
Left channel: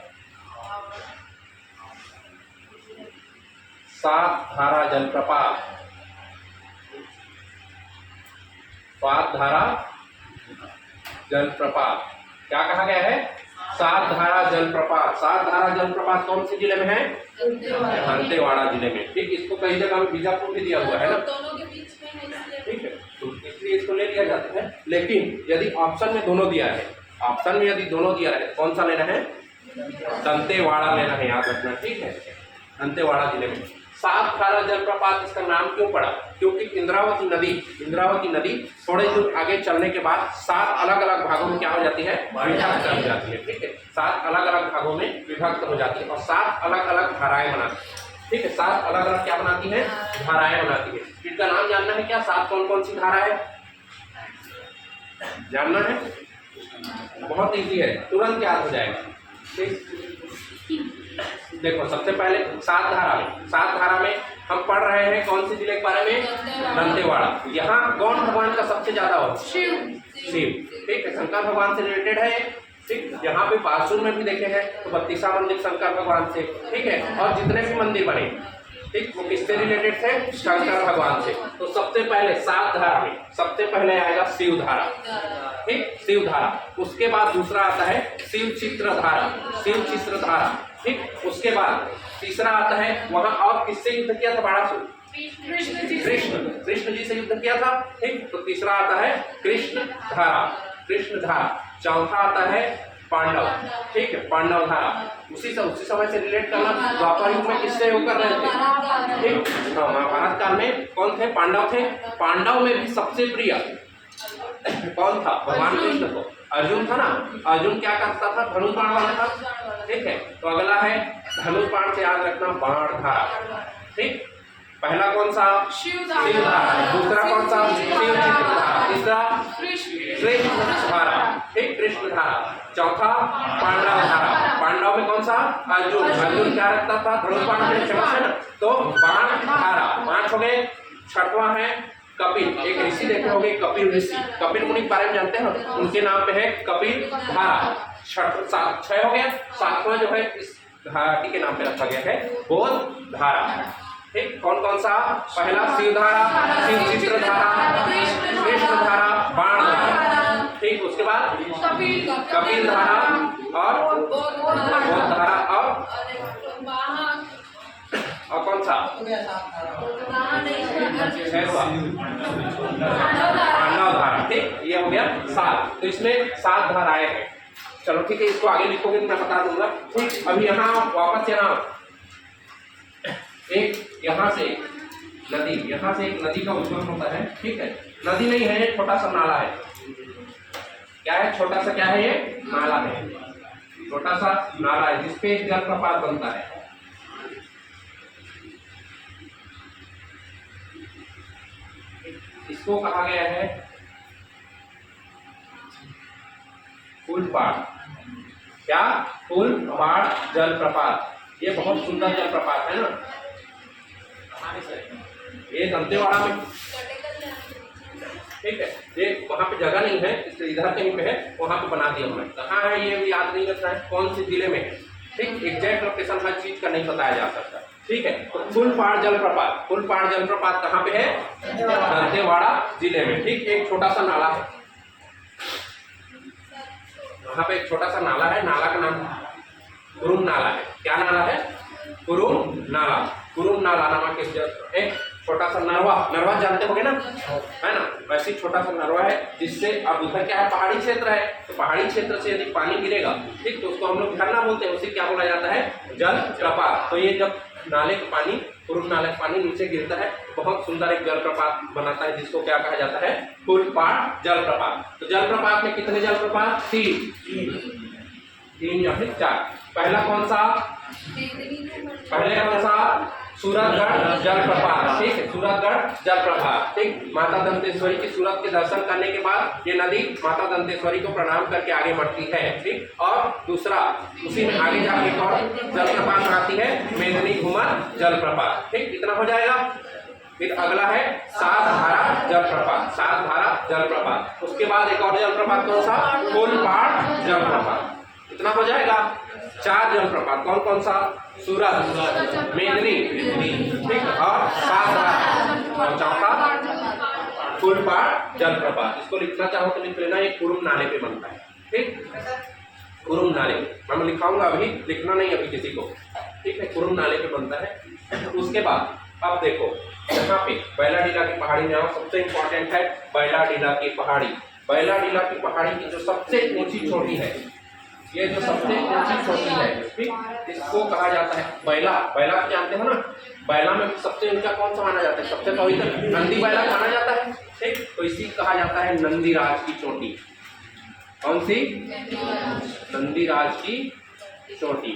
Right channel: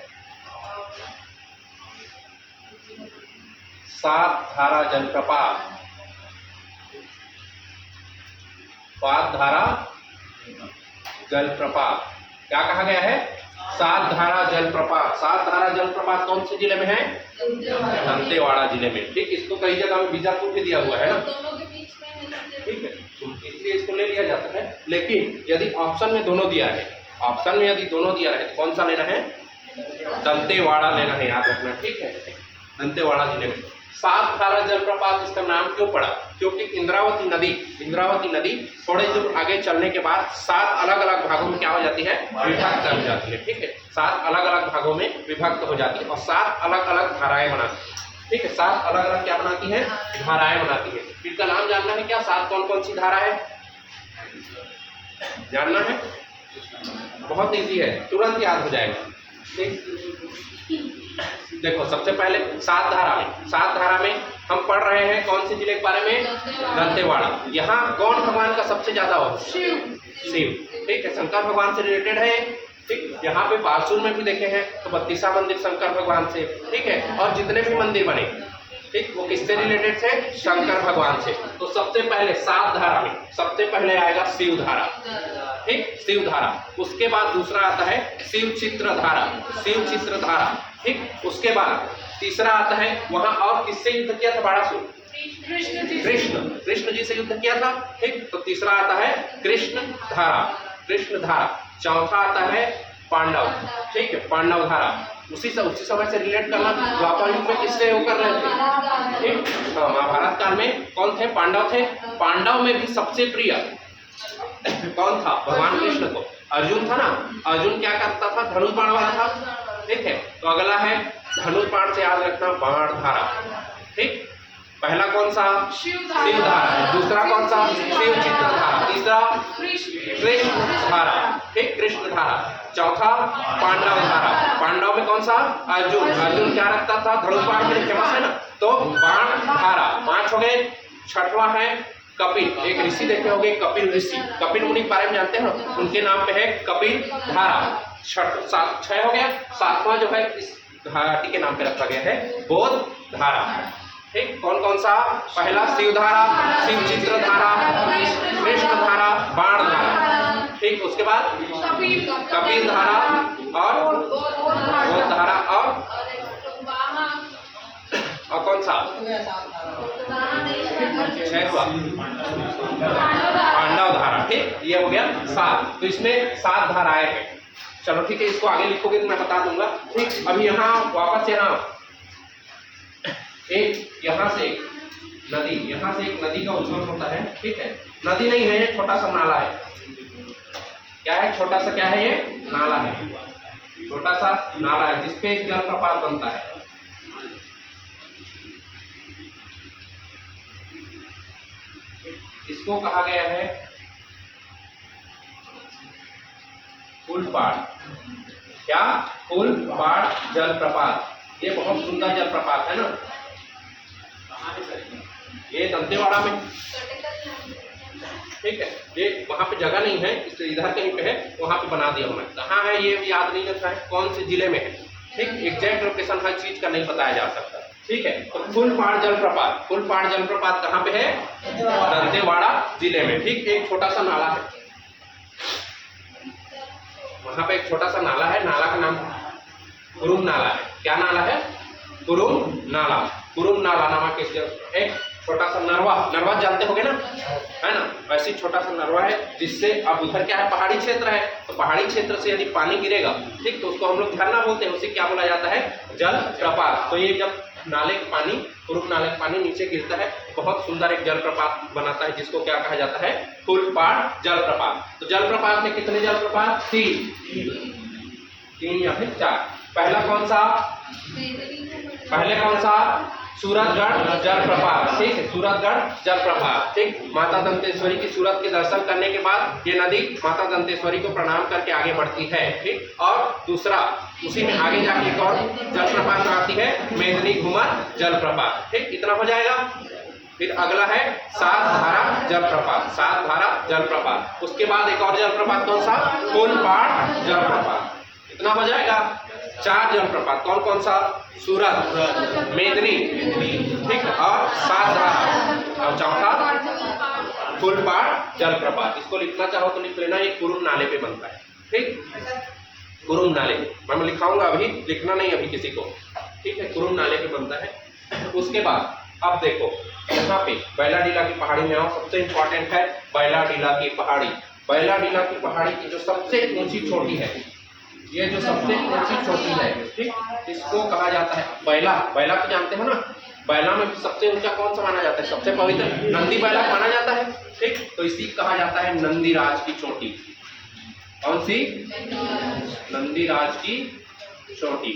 7 धारा जलप्रपात। 7 धारा जलप्रपात क्या कहा गया है? 7 धारा जलप्रपात। 7 धारा जलप्रपात कौन से जिले में है? दंतेवाड़ा जिले में। ठीक, इसको कई जगह में बीजापुर भी दिया हुआ है ना, दोनों के बीच में है इसलिए। ठीक है, तो इसलिए इसको ले लिया जाता है। लेकिन यदि ऑप्शन में दोनों दिया है, ऑप्शन में यदि दोनों दिया है तो कौन सा लेना है? दंतेवाड़ा लेना है, याद रखना। ठीक है, दंतेवाड़ा जिले में 7 धारा जलप्रपात। इसका नाम क्यों पड़ा? क्योंकि इंद्रावती नदी थोड़े दूर आगे चलने के बाद 7 अलग अलग भागों में क्या हो जाती है? विभक्त हो जाती है। ठीक है, 7 अलग अलग भागों में विभक्त हो जाती है और 7 अलग अलग धाराएं बनाती है। ठीक है, 7 अलग अलग क्या बनाती है? धाराएं बनाती है। इनका नाम जानना है क्या? 7 कौन कौन सी धारा है जानना है? बहुत इजी है, तुरंत याद हो जाएगा। ठीक, देखो सबसे पहले 7 धारा में हम पढ़ रहे हैं कौन से जिले के बारे में? दंतेवाड़ा। यहाँ कौन भगवान का सबसे ज्यादा हो? शिव। ठीक है, शंकर भगवान से रिलेटेड है। ठीक, यहाँ पे बारसूर में भी देखे हैं तो 32वां मंदिर शंकर भगवान से। ठीक है, और जितने भी मंदिर बने, ठीक, वो किससे रिलेटेड थे? शंकर भगवान से। तो सबसे पहले 7 धारा में सबसे पहले आएगा शिव धारा। ठीक, शिव धारा। उसके बाद दूसरा आता है शिव चित्र धारा। ठीक, उसके बाद तीसरा आता है, वहां और किससे युद्ध किया था? बाणासुर, कृष्ण जी से युद्ध किया था। ठीक, तो तीसरा आता है कृष्ण धारा। चौथा आता है पांडव। ठीक है, पांडव धारा। उसी समय से रिलेट करना। द्वापर युग में किससे होकर रहे थे? ठीक, हाँ, महाभारत काल में कौन थे? पांडव थे। पांडव में भी सबसे प्रिय कौन था? भगवान कृष्ण को अर्जुन था ना। अर्जुन क्या करता था? धनुष बाण वाला था। ठीक है, तो अगला है धनुष बाण से याद रखना बाण धारा। ठीक, पहला कौन सा? शिव धारा। दूसरा कौन सा? शिव चित्र धारा। तीसरा कृष्ण धारा। ठीक, कृष्ण धारा। चौथा पांडव धारा। पांडव में कौन सा? अर्जुन क्या रखता था? धनुष बाण के लिए फेमस है ना, तो बाण धारा। 5 हो गए। छठवां है कपिल। एक ऋषि देखे होंगे, कपिल ऋषि। कपिल मुनि के बारे में जानते हैं, उनके नाम पे है कपिल धारा। 6 हो गया। 7वां जो है इस घाटी के नाम पे रखा गया है बोध धारा। ठीक, कौन कौन सा? पहला शिव धारा, शिव चित्र धारा, कृष्ण धारा, बाण धारा। ठीक, उसके बाद कपिल धारा और बोध धारा और कौन सा? पांडव धारा। ठीक, ये हो गया 7। तो इसमें 7 धाराएं हैं। चलो ठीक है, इसको आगे लिखोगे तो मैं बता दूंगा। ठीक, अभी यहाँ वापस यहाँ एक यहाँ से नदी, यहाँ से एक नदी का उद्गम होता है, ठीक है। नदी नहीं है, ये छोटा सा नाला है। क्या है? छोटा सा क्या है? ये नाला है, छोटा सा नाला है जिसपे एक जलप्रपात बनता है। इसको कहा गया है फूलपाड़। क्या? फूलपाड़ जलप्रपात। ये बहुत सुंदर जलप्रपात है ना, ये दंतेवाड़ा में, ठीक है। ये वहां पे जगह नहीं है, इसलिए इधर कहीं पे है, वहां पे बना दिया हमने। कहाँ है ये भी याद नहीं रहता है, कौन से जिले में है, ठीक। एग्जैक्ट लोकेशन हर चीज का नहीं बताया जा सकता, ठीक है। तो फूलपाड़ जलप्रपात, फूलपाड़ जलप्रपात कहाँ पे है? दंतेवाड़ा जिले में, ठीक। एक छोटा सा नाला है, वहां पे एक छोटा सा नाला है, नाला का नाम कुरुम नाला है। क्या नाला है? कुरुम नाला। कुरुम नाला नामक एक छोटा सा नरवा, नरवा जानते होगे ना, है ना, वैसे छोटा सा नरवा है, जिससे अब उधर क्या है? पहाड़ी क्षेत्र है, तो पहाड़ी क्षेत्र से यदि पानी गिरेगा, ठीक, तो उसको हम लोग झरना बोलते हैं, उसे क्या बोला जाता है? जलप्रपात। तो ये जब नाले का पानी, कुरुम नाले का पानी नीचे गिरता है, बहुत सुंदर एक जलप्रपात बनाता है, जिसको क्या कहा जाता है? फूलपाड़ जलप्रपात। तो जलप्रपात में कितने जलप्रपात? तीन या फिर 4। पहला कौन सा? पहले कौन सा? सूरतगढ़ जलप्रपात, ठीक है, सूरतगढ़ जलप्रपात, ठीक। माता दंतेश्वरी की सूरत के दर्शन करने के बाद ये नदी माता दंतेश्वरी को प्रणाम करके आगे बढ़ती है, ठीक। और दूसरा, उसी में आगे जाके एक और जलप्रपात आती है, मेदिनी घूमर जलप्रपात, ठीक। इतना हो जाएगा। फिर अगला है सात धारा जलप्रपात, सात धारा जलप्रपात। उसके बाद एक और जलप्रपात कौन सा? फूलपाड़ जलप्रपात। इतना हो जाएगा। 4 जलप्रपात, कौन कौन सा? सूरत, मेदिनी, ठीक, और सात धारा, और चौथा फूलपाड़ जलप्रपात। इसको लिखना चाहो तो लिख लेना, ये कुरुम नाले पे बनता है, ठीक। कुरुम नाले पे मैं लिखाऊंगा, अभी लिखना नहीं अभी किसी को, ठीक है। कुरुम नाले पे बनता है। उसके बाद अब देखो यहाँ पे बैलाडीला की पहाड़ी में आओ, सबसे इंपॉर्टेंट है बैलाडीला की पहाड़ी। बैलाडीला की पहाड़ी की जो सबसे ऊंची चोटी है, ये जो सबसे ऊंची चोटी है, ठीक, इसको कहा जाता है बैला। बैला को जानते हो ना? बैला में सबसे ऊंचा कौन सा माना जाता है? सबसे पवित्र नंदी बैला माना जाता है, ठीक। तो इसी कहा जाता है नंदीराज की चोटी। कौन सी? नंदीराज की चोटी,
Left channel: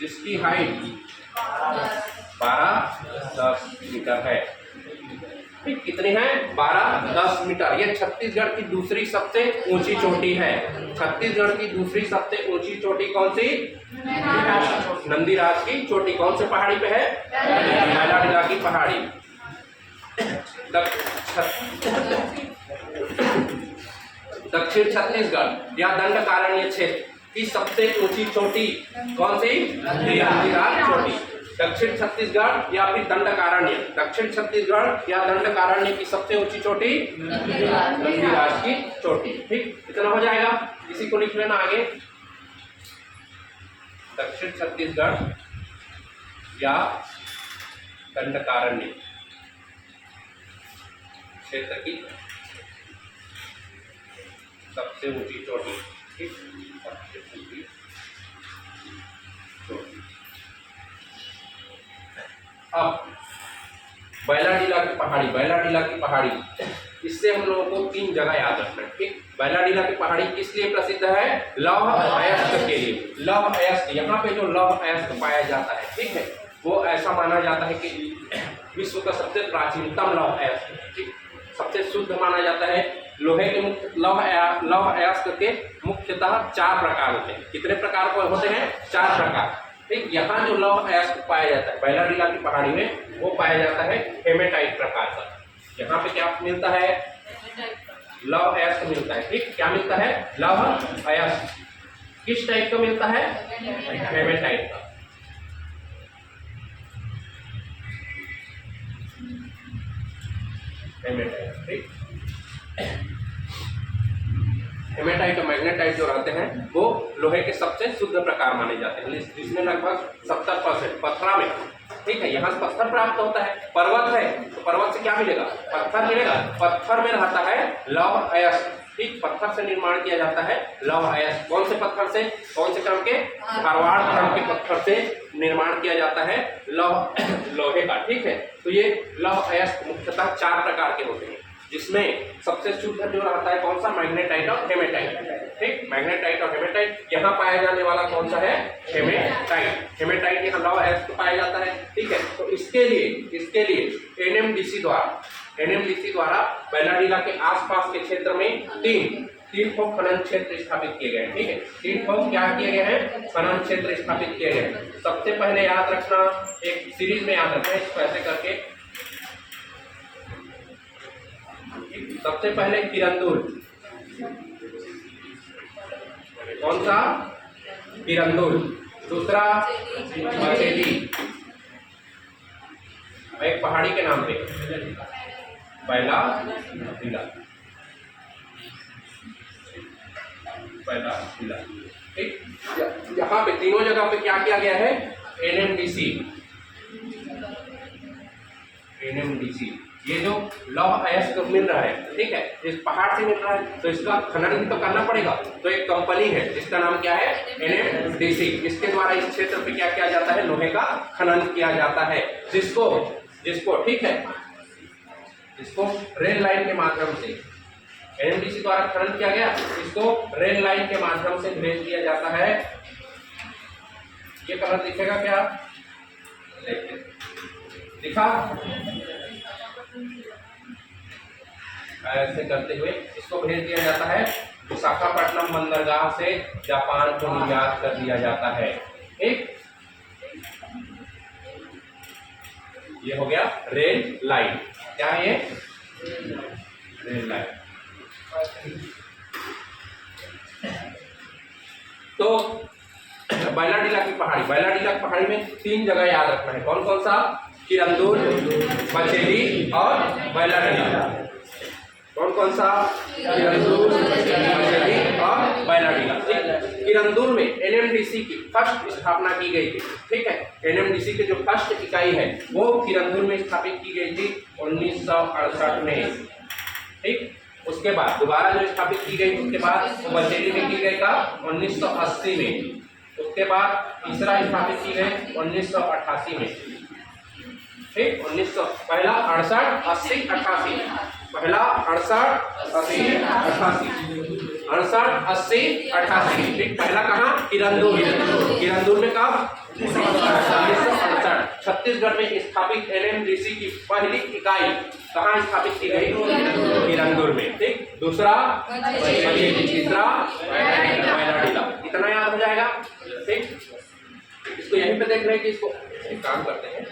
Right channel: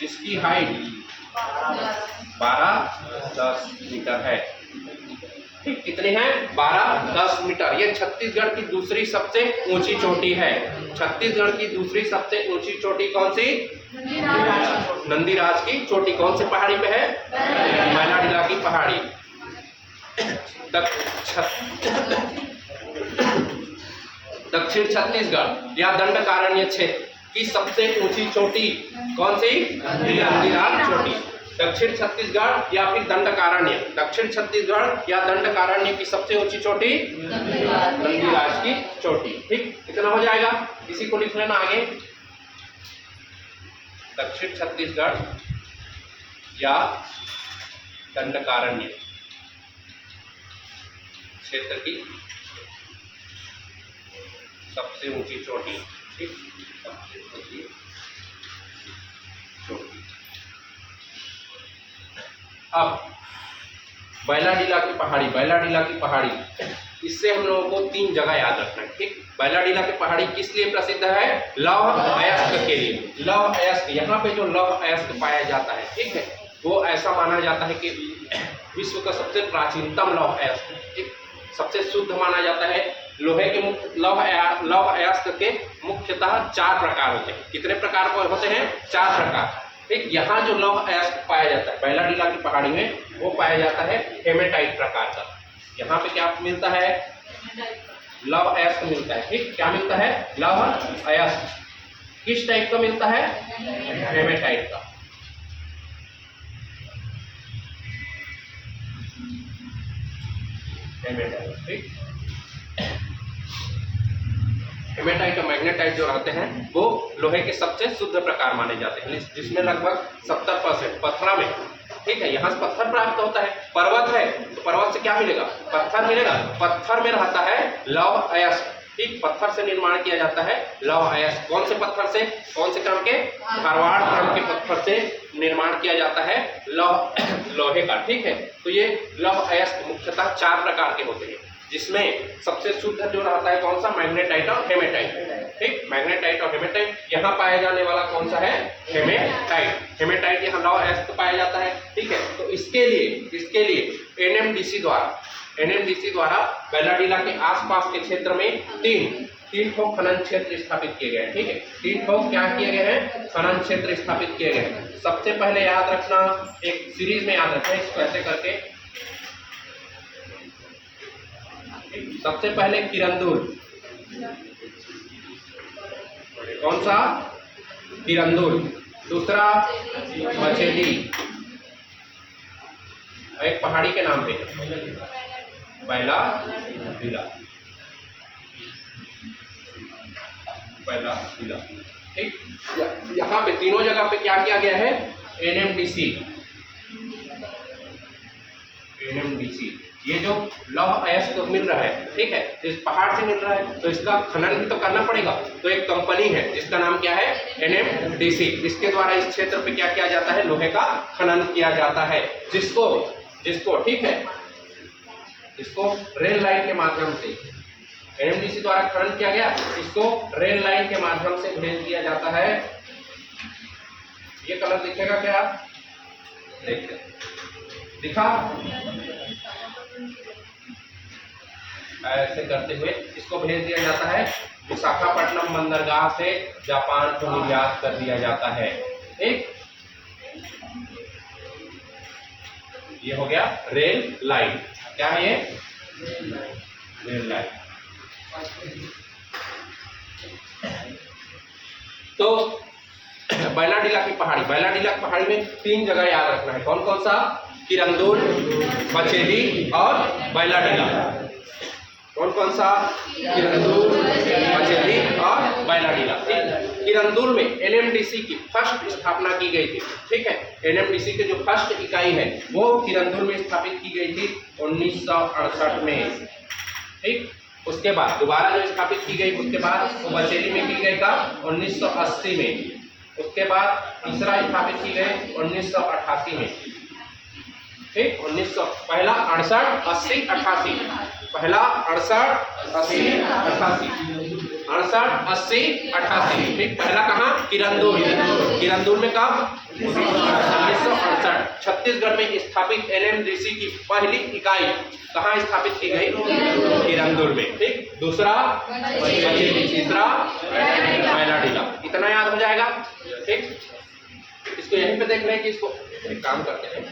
जिसकी हाइट 12-10 मीटर है, ठीक। कितने हैं? 12-10 मीटर। ये छत्तीसगढ़ की दूसरी सबसे ऊंची चोटी है। छत्तीसगढ़ की दूसरी सबसे ऊंची चोटी कौन सी? नंदीराज की चोटी। कौन से पहाड़ी पे है? बैलाडीला की पहाड़ी। दक्षिण छत्तीसगढ़ या दंडकारण्य क्षेत्र की सबसे ऊंची चोटी कौन सी? नंदीराज चोटी। दक्षिण छत्तीसगढ़ या फिर दंडकारण्य, दक्षिण छत्तीसगढ़ या दंडकारण्य की सबसे ऊंची चोटी नंदीराज की चोटी, ठीक। इतना हो जाएगा। इसी को लिख लेना आगे, दक्षिण छत्तीसगढ़ या दंडकारण्य क्षेत्र की सबसे ऊंची चोटी, ठीक, सबसे ऊंची चोटी। अब बैलाडीला की पहाड़ी, बैलाडीला की पहाड़ी, इससे हम लोगों को 3 जगह याद रखना है, ठीक। बैलाडीला की पहाड़ी किस लिए प्रसिद्ध है? लौह अयस्क के लिए। लौह अयस्क, यहाँ पे जो लौह अयस्क पाया जाता है, ठीक है, वो ऐसा माना जाता है कि विश्व का सबसे प्राचीनतम लौह अयस्क, ठीक, सबसे शुद्ध माना जाता है। लोहे के मुख्य लौह अयस्क के मुख्यतः 4 प्रकार होते हैं। कितने प्रकार होते हैं? 4 प्रकार, ठीक। यहाँ जो लौह अयस्क पाया जाता है बैलाडीला की पहाड़ी में, वो पाया जाता है हेमेटाइट प्रकार का। यहाँ पे क्या मिलता है? लौह अयस्क मिलता है, ठीक। क्या मिलता है? लौह अयस्क। किस टाइप का मिलता है? हेमेटाइट का। हेमेटाइट, ठीक। हेमेटाइट और मैग्नेटाइट जो रहते हैं वो लोहे के सबसे शुद्ध प्रकार माने जाते हैं, जिसमें लगभग 70% पत्थरा में, ठीक है, यहाँ से पत्थर प्राप्त होता है। पर्वत है तो पर्वत से क्या मिलेगा? पत्थर मिलेगा। पत्थर में रहता है लौह अयस्क, ठीक, पत्थर से निर्माण किया जाता है लौह अयस्क। कौन से पत्थर से? कौन से क्रम के? धारवाड़ क्रम के पत्थर से निर्माण किया जाता है लोहे का। ठीक है, तो ये लौह अयस्क मुख्यतः 4 प्रकार के होते हैं, जिसमें सबसे शुद्ध जो रहता है कौन सा? मैग्नेटाइट और हेमेटाइट। ठीक, मैग्नेटाइट और हेमेटाइट। यहाँ पाया जाने वाला कौन सा है? हेमेटाइट। हेमेटाइट यहाँ लौह अयस्क पाया जाता है। ठीक है, तो इसके लिए एनएमडीसी द्वारा बैलाडीला के आसपास के क्षेत्र में तीन ठो खनन क्षेत्र स्थापित किए गए। ठीक है, 3 ठो क्या किए गए हैं? खनन क्षेत्र स्थापित किए गए। सबसे पहले याद रखना, एक सीरीज में याद रखना इसको ऐसे करके। सबसे पहले किरंदुल। कौन सा? किरंदुल। दूसरा बचेली, एक पहाड़ी के नाम पे बैलाडीला। ठीक, यहाँ पे तीनों जगह पे क्या किया गया है? एनएमडीसी। ये जो लौह अयस्क मिल रहा है, ठीक है, इस पहाड़ से मिल रहा है, तो इसका खनन भी तो करना पड़ेगा। तो एक कंपनी है जिसका नाम क्या है? एनएमडीसी। इसके द्वारा इस क्षेत्र पे क्या किया जाता है? लोहे का खनन किया जाता है, जिसको ठीक है, इसको रेल लाइन के माध्यम से एनएमडीसी द्वारा खनन किया गया, इसको रेल लाइन के माध्यम से भेज दिया जाता है। ये कलर दिखेगा क्या? देखते, दिखा? ऐसे करते हुए इसको भेज दिया जाता है विशाखापट्टनम बंदरगाह से जापान को निर्यात कर दिया जाता है। ठीक, ये हो गया रेल लाइन। क्या है ये? Rail line. तो बैलाडीला की पहाड़ी में 3 जगह याद रखना है। कौन कौन सा? किरंदुल, बचेली और बैलाडीला। कौन सा? किरंदुल, बचेली और बैलाडीला। किरंदुल में एनएमडीसी की फर्स्ट स्थापना की गई थी। ठीक है, एनएमडीसी की जो फर्स्ट इकाई है वो किरंदुल में स्थापित की गई थी 1968 में। ठीक, उसके बाद दोबारा जो स्थापित की गई, उसके बाद वो बचेली में की गई था 1980 में। उसके बाद तीसरा स्थापित की गई 1988 में। ठीक, 1900 पहला 68, 80, 88। पहला 68, 80, 88। 68, 80, 88। ठीक, पहला कहाँ? किरंदुल में कब? 1968। छत्तीसगढ़ में स्थापित एनएमडीसी की पहली इकाई कहाँ स्थापित की गई? किरंदुल में। ठीक, दूसरा बचेली, तीसरा बैलाडीला। इतना याद हो जाएगा। ठीक, इसको यहीं पे देख लें कि इसको एक काम करते हैं।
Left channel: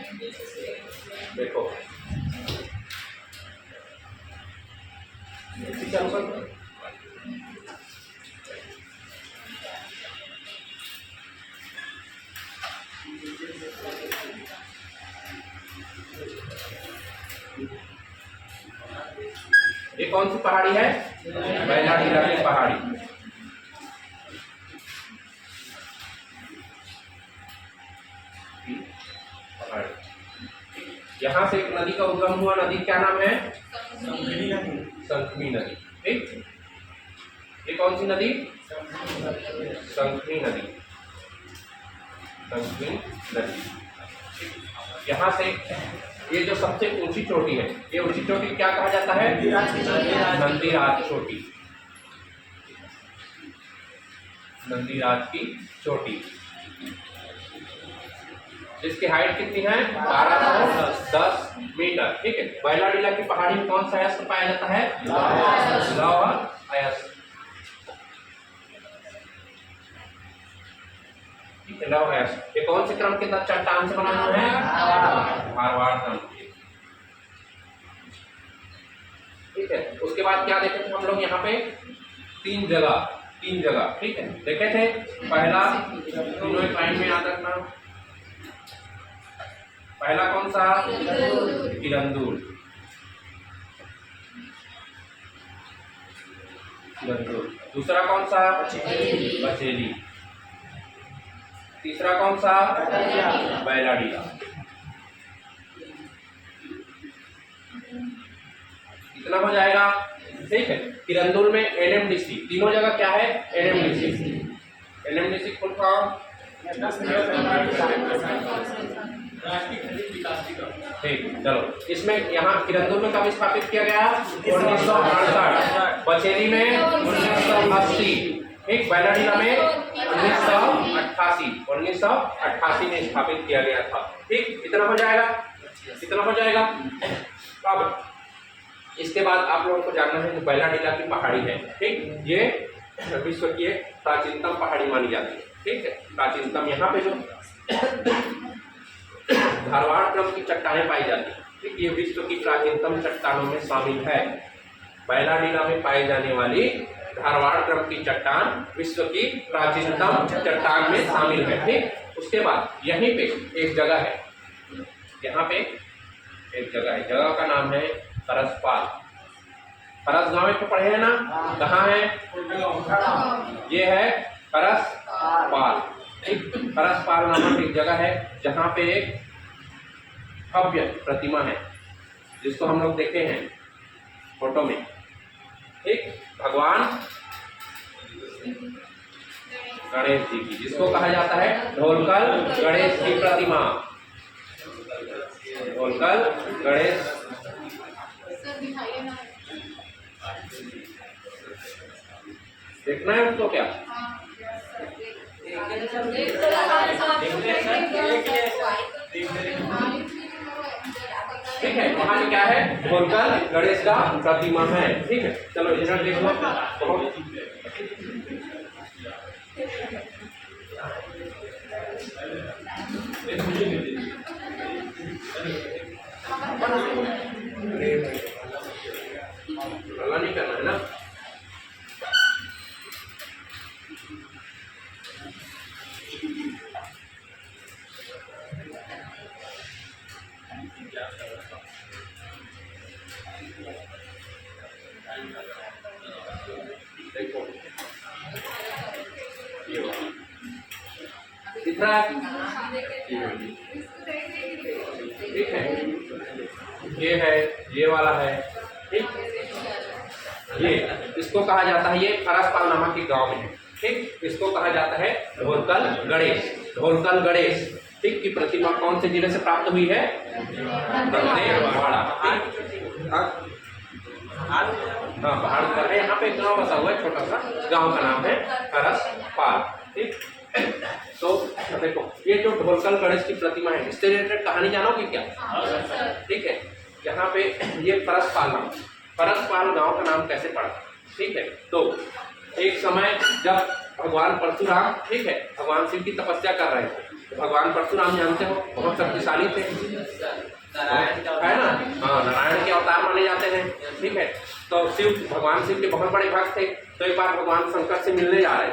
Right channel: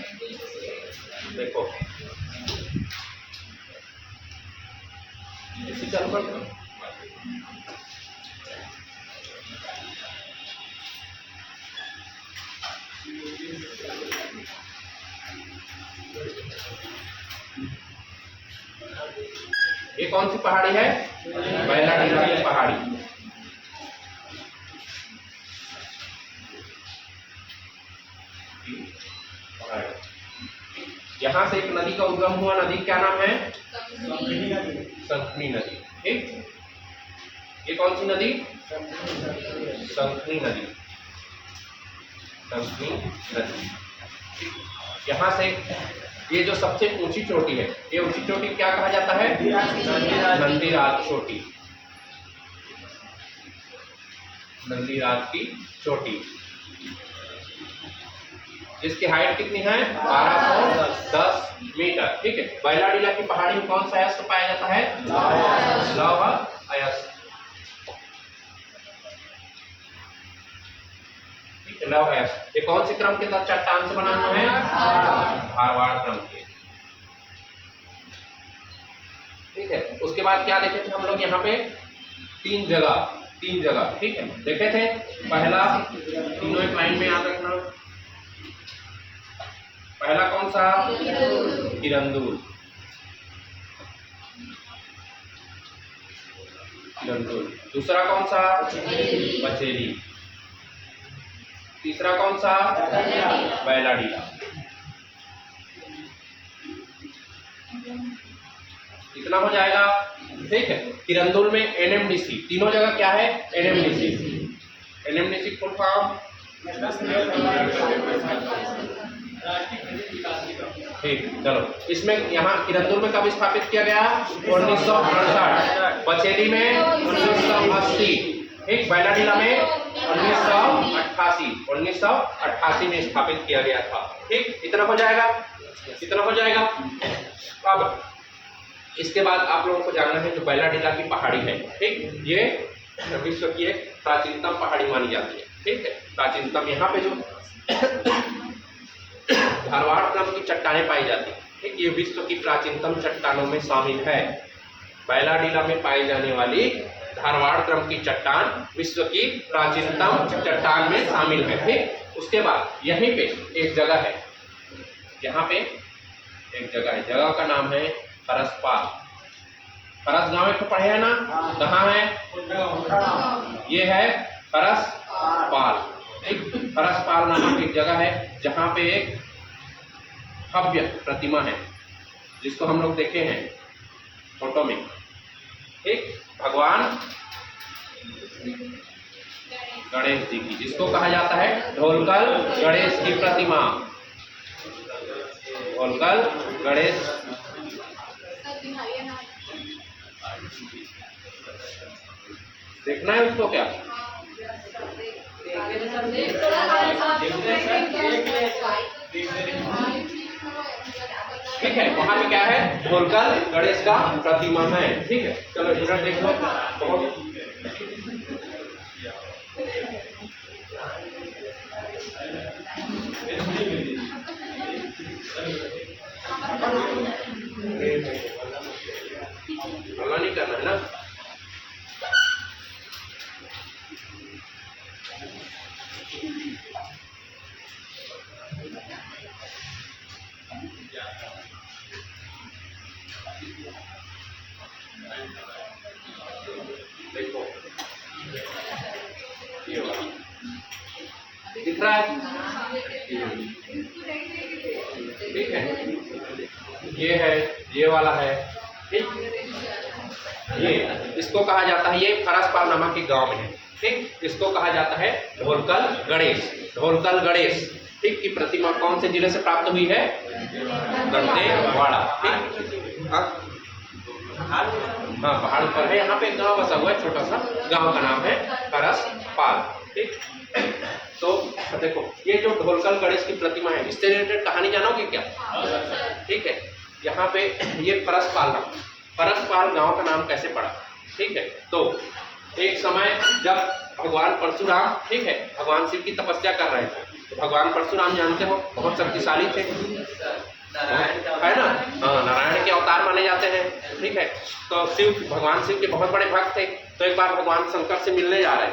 देखो ये कौन सी पहाड़ी है? बैलाडीला की पहाड़ी। यहाँ से एक नदी का उद्गम हुआ। नदी क्या नाम है? संखनी नदी। ठीक, ये कौन सी नदी? संखनी नदी। यहाँ से ये जो सबसे ऊंची चोटी है, ये ऊंची चोटी क्या कहा जाता है? नंदीराज चोटी। नंदीराज की चोटी, इसकी हाइट कितनी है? 1210 मीटर। ठीक है, बैलाडीला की पहाड़ी में कौन सा अयस्क पाया जाता है? लौह अयस्क। ठीक है, लौह अयस्क। ये कौन से क्रम के तहत चट्टान से बना हुआ है? धारवाड़ क्रम के। ठीक है, उसके बाद क्या देखे थे हम लोग? यहाँ पे 3 जगह। ठीक है, देखे थे। पहला, तीनों एक लाइन में याद रखना। पहला कौन सा? किरंदुल। दूसरा कौन सा? बचेली। तीसरा कौन सा? बैलाडीला। इतना हो जाएगा। ठीक है। किरंदुल में एनएमडीसी, तीनों जगह क्या है? एनएमडीसी। एनएमडीसी फुल फॉर्म ठीक। चलो इसमें यहाँ किरंदुल में कब स्थापित किया गया? 1968। बचेली में 1980। ठीक। बैलाडीला में 1988 में स्थापित किया गया था। ठीक। इतना हो जाएगा, इतना हो जाएगा। अब इसके बाद आप लोगों को जानना है कि बैलाडीला की पहाड़ी है। ठीक। ये विश्व की एक प्राचीनतम पहाड़ी मानी जाती है। ठीक है। प्राचीनतम यहाँ पे जो धारवाड़ क्रम की चट्टानें पाई जाती है। ठीक। ये विश्व की प्राचीनतम चट्टानों में शामिल है। बैलाडीला में पाई जाने वाली धारवाड़ क्रम की चट्टान विश्व की प्राचीनतम चट्टान में शामिल है। ठीक। उसके बाद यहीं पे एक जगह है, यहाँ पे एक जगह है, जगह का नाम है फरसपाल। फरस गांव में तो पढ़े हैं ना? कहाँ है? ये है फरसपाल। फरसपाल नामक एक जगह है जहाँ पे एक भव्य प्रतिमा है जिसको हम लोग देखे हैं फोटो में। एक भगवान गणेश जी की, जिसको कहा जाता है ढोलकल गणेश की प्रतिमा। ढोलकल गणेश देखना है उसको क्या? ठीक है। वहाँ पे क्या है? ढोलकल गणेश का प्रतिमा है। ठीक है। चलो इधर देख लो। बहुत हल्ला नहीं करना है ना। देखो ये वाला दिख रहा है? ठीक है। ये है, ये वाला है। ठीक। ये इसको कहा जाता है, ये फरसपाल नामक के गांव में है। ठीक। इसको कहा जाता है ढोलकल गणेश। ढोलकल गणेश ठीक की प्रतिमा कौन से जिले से प्राप्त हुई है? दंतेवाड़ा। ठीक। हाँ पहाड़ पर है। यहाँ पे एक गाँव बसा हुआ है, छोटा सा गाँव का नाम है फरसपाल। ठीक। तो देखो ये जो ढोलकल गणेश की प्रतिमा है, इससे रिलेटेड कहानी जानोगे क्या? ठीक है। यहाँ पे ये फरसपाल गांव का नाम कैसे पड़ा? ठीक है। तो एक समय जब भगवान परशुराम, ठीक है, भगवान शिव की तपस्या कर रहे थे, तो भगवान परशुराम जानते हो बहुत शक्तिशाली थे, है ना? हाँ, नारायण के अवतार माने जाते हैं। ठीक है। तो भगवान शिव के बहुत बड़े भक्त थे। तो एक बार भगवान शंकर से मिलने जा रहे थे।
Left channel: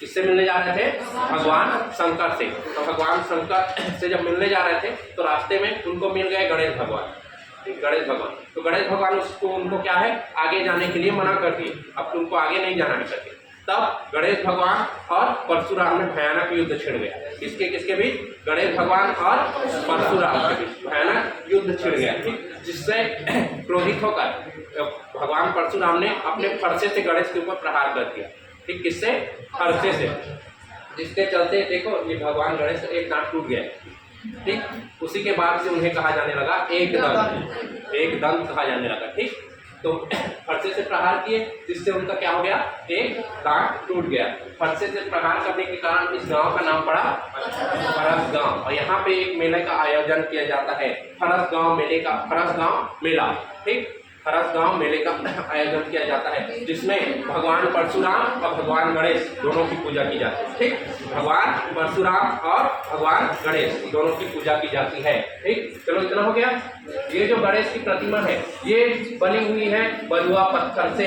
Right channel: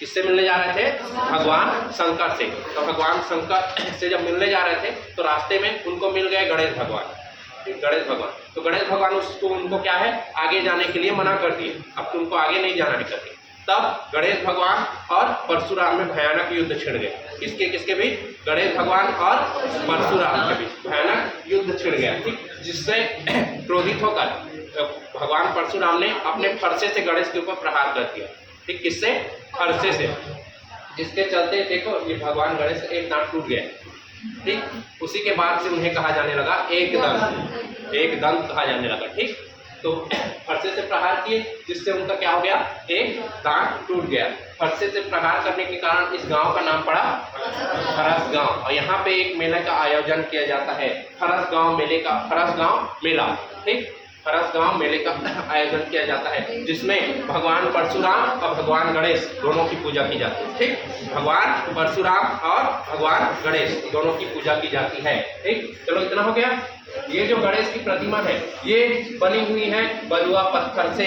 किससे मिलने जा रहे थे? भगवान शंकर से। तो भगवान शंकर से जब मिलने जा रहे थे तो रास्ते में उनको मिल गए गणेश भगवान। गणेश भगवान, तो गणेश भगवान उनको क्या है, आगे जाने के लिए मना कर दिए। अब तुमको आगे नहीं जाना है करके। तब गणेश भगवान और परशुराम में भयानक युद्ध छिड़ गया। किसके किसके बीच? गणेश भगवान और परशुराम के बीच भयानक युद्ध छिड़ गया। ठीक। जिससे क्रोधित होकर भगवान परशुराम ने अपने फरसे से गणेश के ऊपर प्रहार कर दिया। ठीक। किससे? फरसे से। जिसके चलते देखो ये भगवान गणेश एक दांत टूट गया। ठीक। उसी के बाद से उन्हें कहा जाने लगा एक दंत कहा जाने लगा। ठीक। तो फरसे से प्रहार किए जिससे उनका क्या हो गया? एक दांत टूट गया। फरसे से प्रहार करने के कारण इस गांव का नाम पड़ा फरस गांव। और यहाँ पे एक मेले का आयोजन किया जाता है, फरस गांव मेला। ठीक। फरस गांव मेले का आयोजन किया जाता है जिसमें भगवान परशुराम और भगवान गणेश दोनों की पूजा की जाती है। ठीक। भगवान परशुराम और भगवान गणेश दोनों की पूजा की जाती है। ठीक। चलो इतना हो गया। ये जो गणेश की प्रतिमा है ये बनी हुई है बलुआ पत्थर से।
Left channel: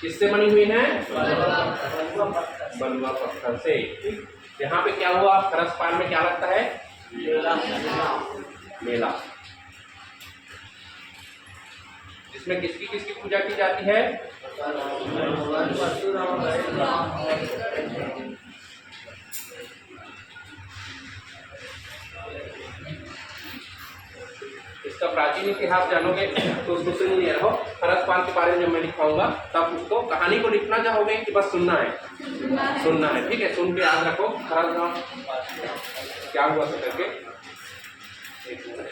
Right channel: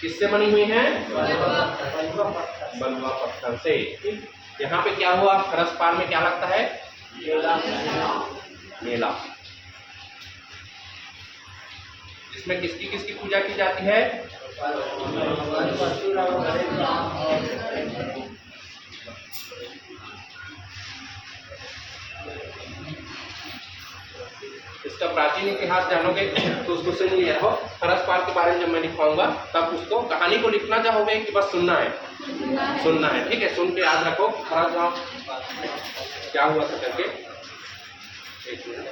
किससे बनी हुई है? बलुआ पत्थर से। ठीक। यहाँ पे क्या हुआ? फरसपाल में क्या लगता है? मेला। जिसमें किसकी किसकी पूजा की जाती है? इसका प्राचीन इतिहास जानोगे तो उसको सुन लिए रहो। खरस-पाल के बारे में जब मैं दिखाऊंगा तब उसको कहानी को लिखना चाहोगे कि बस सुनना है? सुनना है, ठीक है। सुन के याद रखो खरस गांव क्या हुआ था करके। एक मिनट,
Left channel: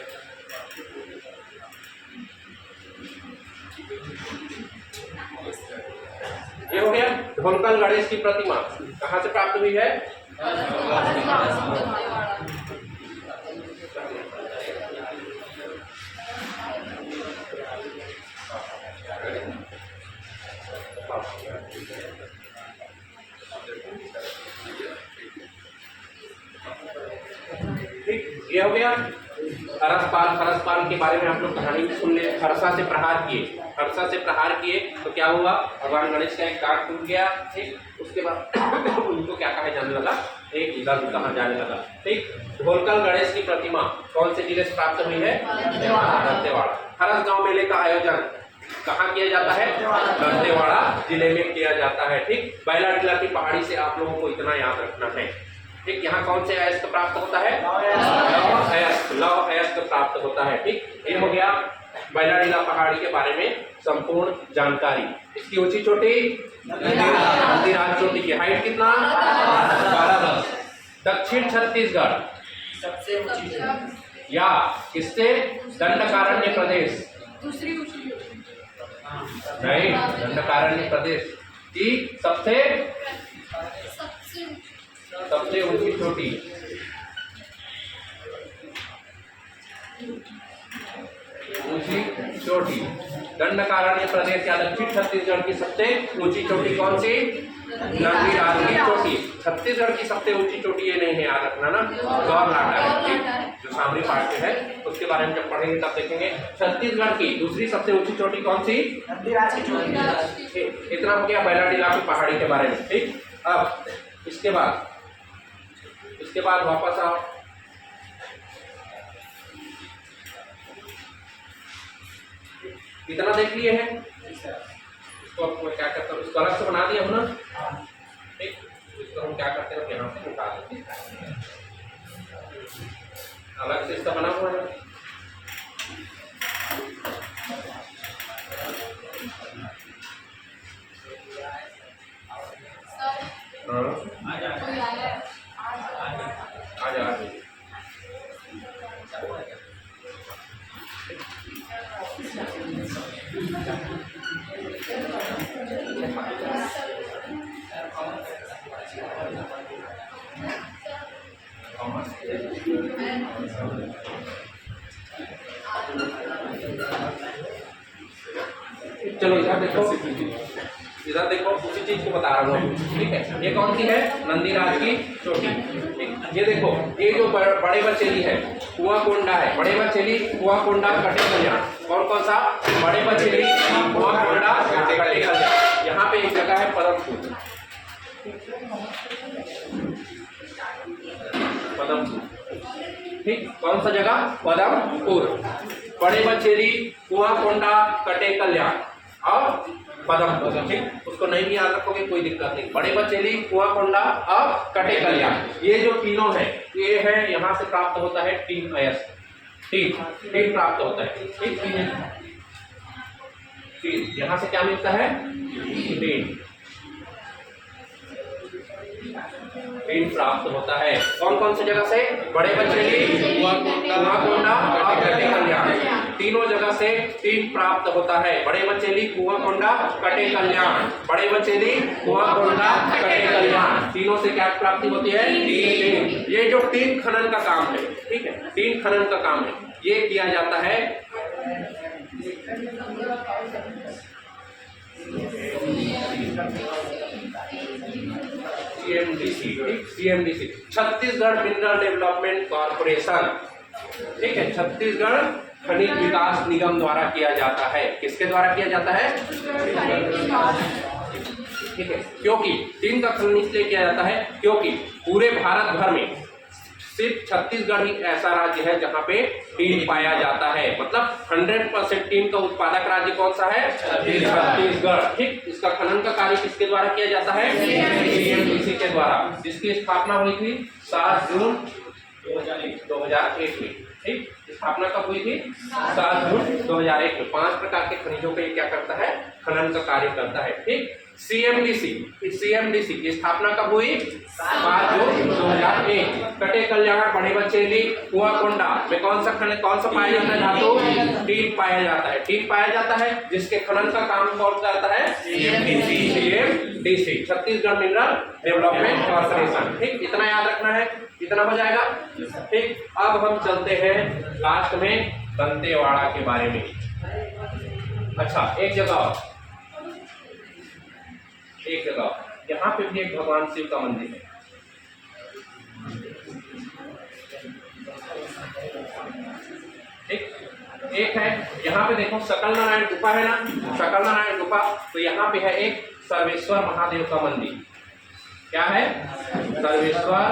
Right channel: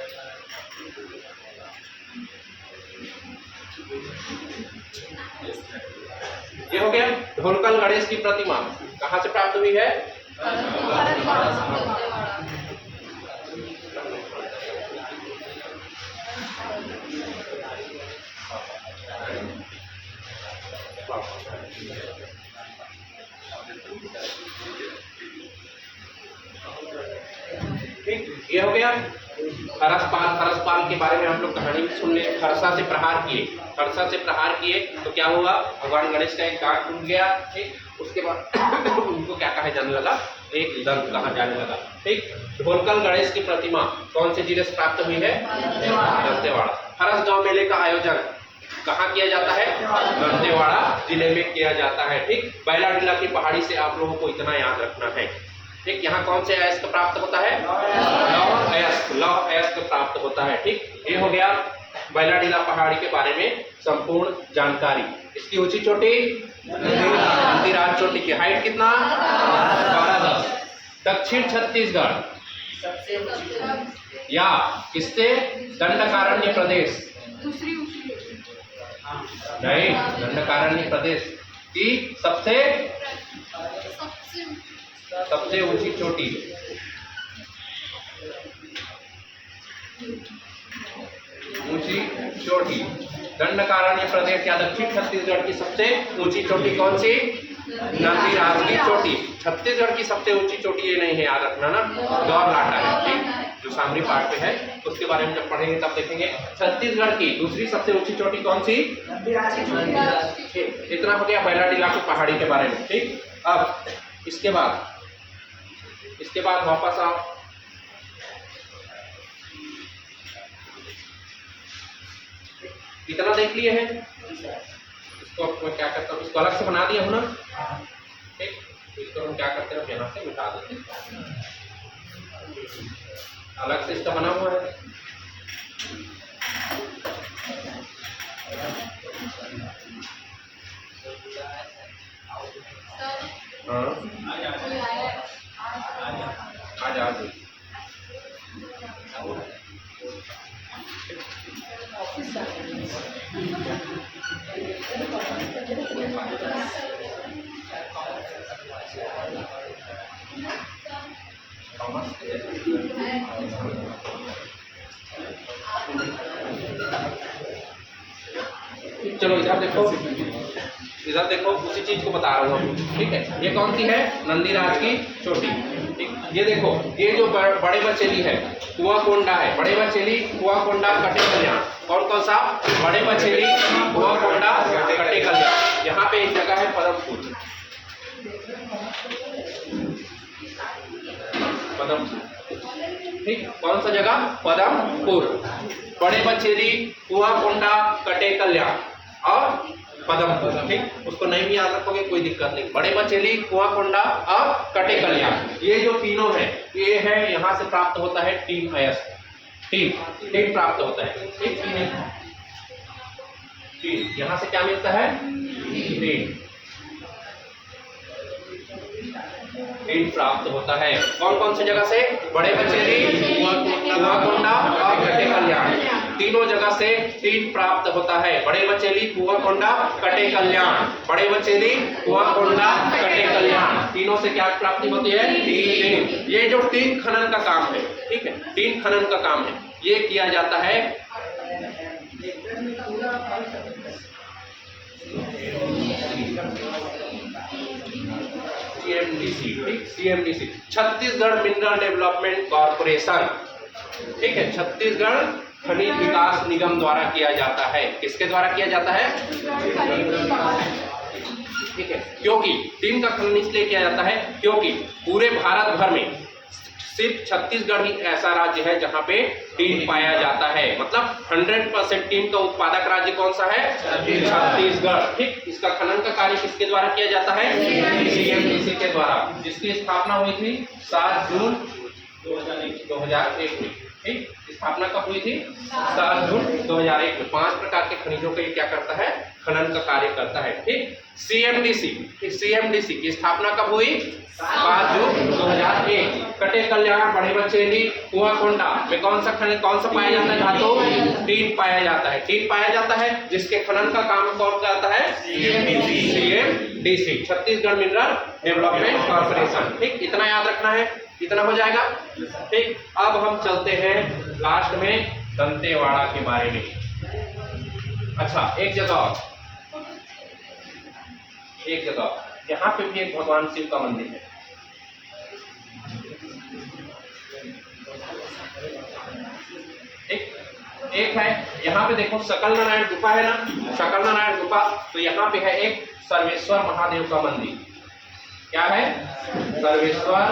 ये हो गया ढोलकल गणेश की प्रतिमा कहाँ से प्राप्त हुई है? ठीक, ये हो गया खरस-पाल। खरस-पाल के बारे में हम लोग कहानी सुन ले। खरसा से प्रहार किए, खरसा से प्रहार किए तो क्या हुआ? भगवान गणेश का एक दांत टूट गया। ठीक, उसके बाद उनको क्या कहा जाने लगा? एक दंत कहा जाने लगा। ठीक, ढोलकल गणेश की प्रतिमा कौन से जिले से प्राप्त हुई है? दंतेवाड़ा। खरस गांव मेले का आयोजन कहाँ किया जाता है? दंतेवाड़ा जिले में किया जाता है। ठीक, बैलाडीला की पहाड़ी से आप लोगों को इतना याद रखना है। ठीक, यहाँ कौन से अयस्क प्राप्त होता है? लौह अयस्क प्राप्त होता है। ठीक, ये हो गया बैलाडीला पहाड़ी के बारे में संपूर्ण जानकारी। इसकी ऊंची चोटी नंदीराज चोटी की हाइट कितना? 1210। दक्षिण छत्तीसगढ़ सबसे ऊंची या किससे? दंडकारण्य प्रदेश दूसरी नहीं, दंडकारण्य प्रदेश की सबसे ऊंची चोटी। ऊंची चोटी दंडकारण्य प्रदेश या दक्षिण छत्तीसगढ़ की सबसे ऊंची चोटी कौन सी? नंदीराज की चोटी। छत्तीसगढ़ की सबसे ऊंची चोटी ये नहीं है, याद रखना ना, गौरलाटा है जो सामरी पार्ट में है, उसके बारे में जब पढ़ेंगे तब देखेंगे। छत्तीसगढ़ की दूसरी सबसे ऊंची चोटी कौन सी? नंदीराज की चोटी। इतना हो गया बैलाडीला की पहाड़ी के बारे में। ठीक, अब इसके बाद वापस आओ। इतना देख लिए हैं, इसको अब मैं क्या करता हूँ, इसको अलग से बना दिया हूँ ना। ठीक, तो इसको हम क्या करते हैं, यहाँ से उठा देते हैं, अलग से इसका बना हुआ है। हाँ, आ जा। चलो इधर देखो उसी चीज को बता रहा हूँ। ठीक है, ये कौन सी है? नंदीराज की चोटी। ठीक, ये देखो, ये जो बड़े बचेली है कुआंकोंडा है। बड़े बचेली कुआंकोंडा कटे कल्याण। कौन सा? बड़े बचेली कुआंकोंडा कटे कल्याण। यहाँ पे एक जगह है पदमपुर। ठीक, कौन सा जगह? पदमपुर। बड़े बचेली कुआंकोंडा कटे कल्याण और पदमपुर। ठीक, उसको नहीं भी याद रखोगे कोई दिक्कत नहीं। बड़े बचेली कुआंकोंडा और कटे कल्याण, ये जो तीनों है, ये है यहाँ से प्राप्त होता है टीन अयस्क। टीन प्राप्त होता है। ठीक, टीन यहाँ से क्या मिलता है? टीन प्राप्त होता है। कौन सी जगह से? बड़े बचेली कुआंकोंडा और कटे कल्याण, तीनों जगह से टीन प्राप्त होता है। बड़े बचेली कुआंकोंडा कटे कल्याण, बड़े बचेली कुआंकोंडा कटे कल्याण, तीनों से क्या प्राप्ति होती है? टीन। ये जो टीन खनन का काम है, ठीक है, टीन खनन का काम है, ये किया जाता है CMDC। ठीक, CMDC Chhattisgarh mineral development corporation. ठीक है, छत्तीसगढ़ खनिज विकास निगम द्वारा किया जाता है। किसके द्वारा किया जाता है? ठीक है, क्योंकि टीन का खनन इसलिए किया जाता है क्योंकि पूरे भारत भर में सिर्फ छत्तीसगढ़ ही ऐसा राज्य है जहां पे टीन पाया जाता है। मतलब 100% टीन का उत्पादक राज्य कौन सा है? छत्तीसगढ़। ठीक, इसका खनन का कार्य किसके द्वारा किया जाता है? CMDC के द्वारा, जिसकी स्थापना हुई थी 7 जून 2001 में। ठीक, स्थापना कब हुई थी? 7 जून 2001 में। 5 प्रकार के खनिजों के लिए क्या करता है? खनन का कार्य करता है। ठीक। सीएमडीसी की स्थापना कब हुई? 5 जून 2001। कटे कल्याण, बड़े बचेली, कुआकोंडा में कौन सा पाया जाता है धातु? टीन पाया जाता है। टीन पाया जाता है जिसके खनन का काम कौन करता है? CMDC, Chhattisgarh mineral development corporation. ठीक, इतना याद रखना है, इतना हो जाएगा। ठीक, अब हम चलते हैं लास्ट में दंतेवाड़ा के बारे में। अच्छा, एक जगह यहाँ पे भी एक भगवान शिव का मंदिर है। ठीक, एक है यहाँ पे देखो सकल नारायण गुफा है ना, सकल नारायण गुफा। तो यहाँ पे है एक सर्वेश्वर महादेव का मंदिर। क्या है? सर्वेश्वर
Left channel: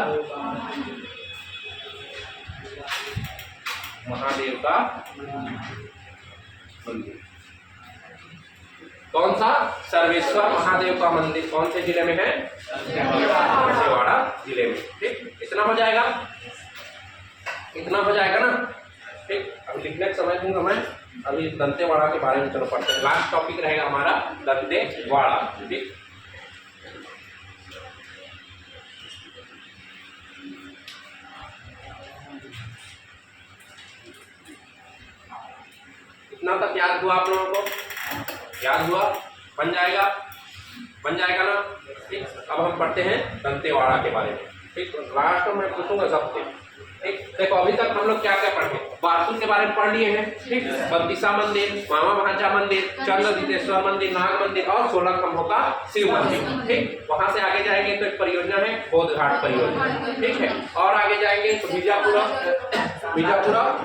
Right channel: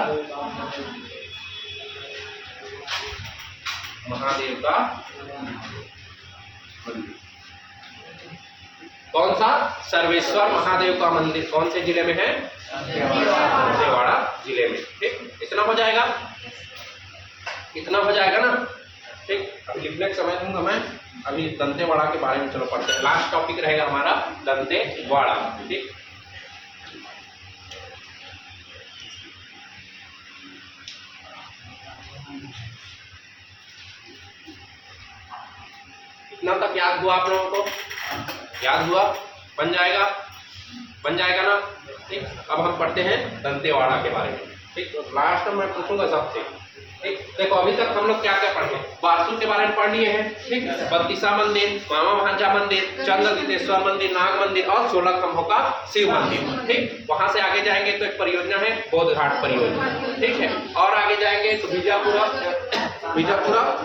महादेव का मंदिर। कौन सा? सर्वेश्वर महादेव का मंदिर। कौन से जिले में है? दंतेवाड़ा जिले में। ठीक, इतना हो जाएगा, इतना हो जाएगा ना। ठीक, अभी लिखने का समय दूंगा मैं। अभी दंतेवाड़ा के बारे में चलो पढ़ते हैं। लास्ट टॉपिक रहेगा हमारा दंतेवाड़ा। ठीक, इतना तक याद हुआ आप लोगों को? याद हुआ? बन जाएगा, बन जाएगा ना। ठीक, अब हम पढ़ते हैं दंतेवाड़ा के बारे में। ठीक, तो लास्ट में मैं पूछूंगा सबसे। ठीक, देखो अभी तक हम लोग क्या क्या पढ़े? बारसूर के बारे में पढ़ लिए हैं। ठीक, बत्तीसा मंदिर, मामा भांजा मंदिर, चंद्रदितेश्वर मंदिर, नाग मंदिर और 16 खंभों का शिव मंदिर। ठीक, वहां से आगे जाएंगे तो एक परियोजना है बौद्ध घाट परियोजना। ठीक है, और आगे जाएंगे तो बीजापुरा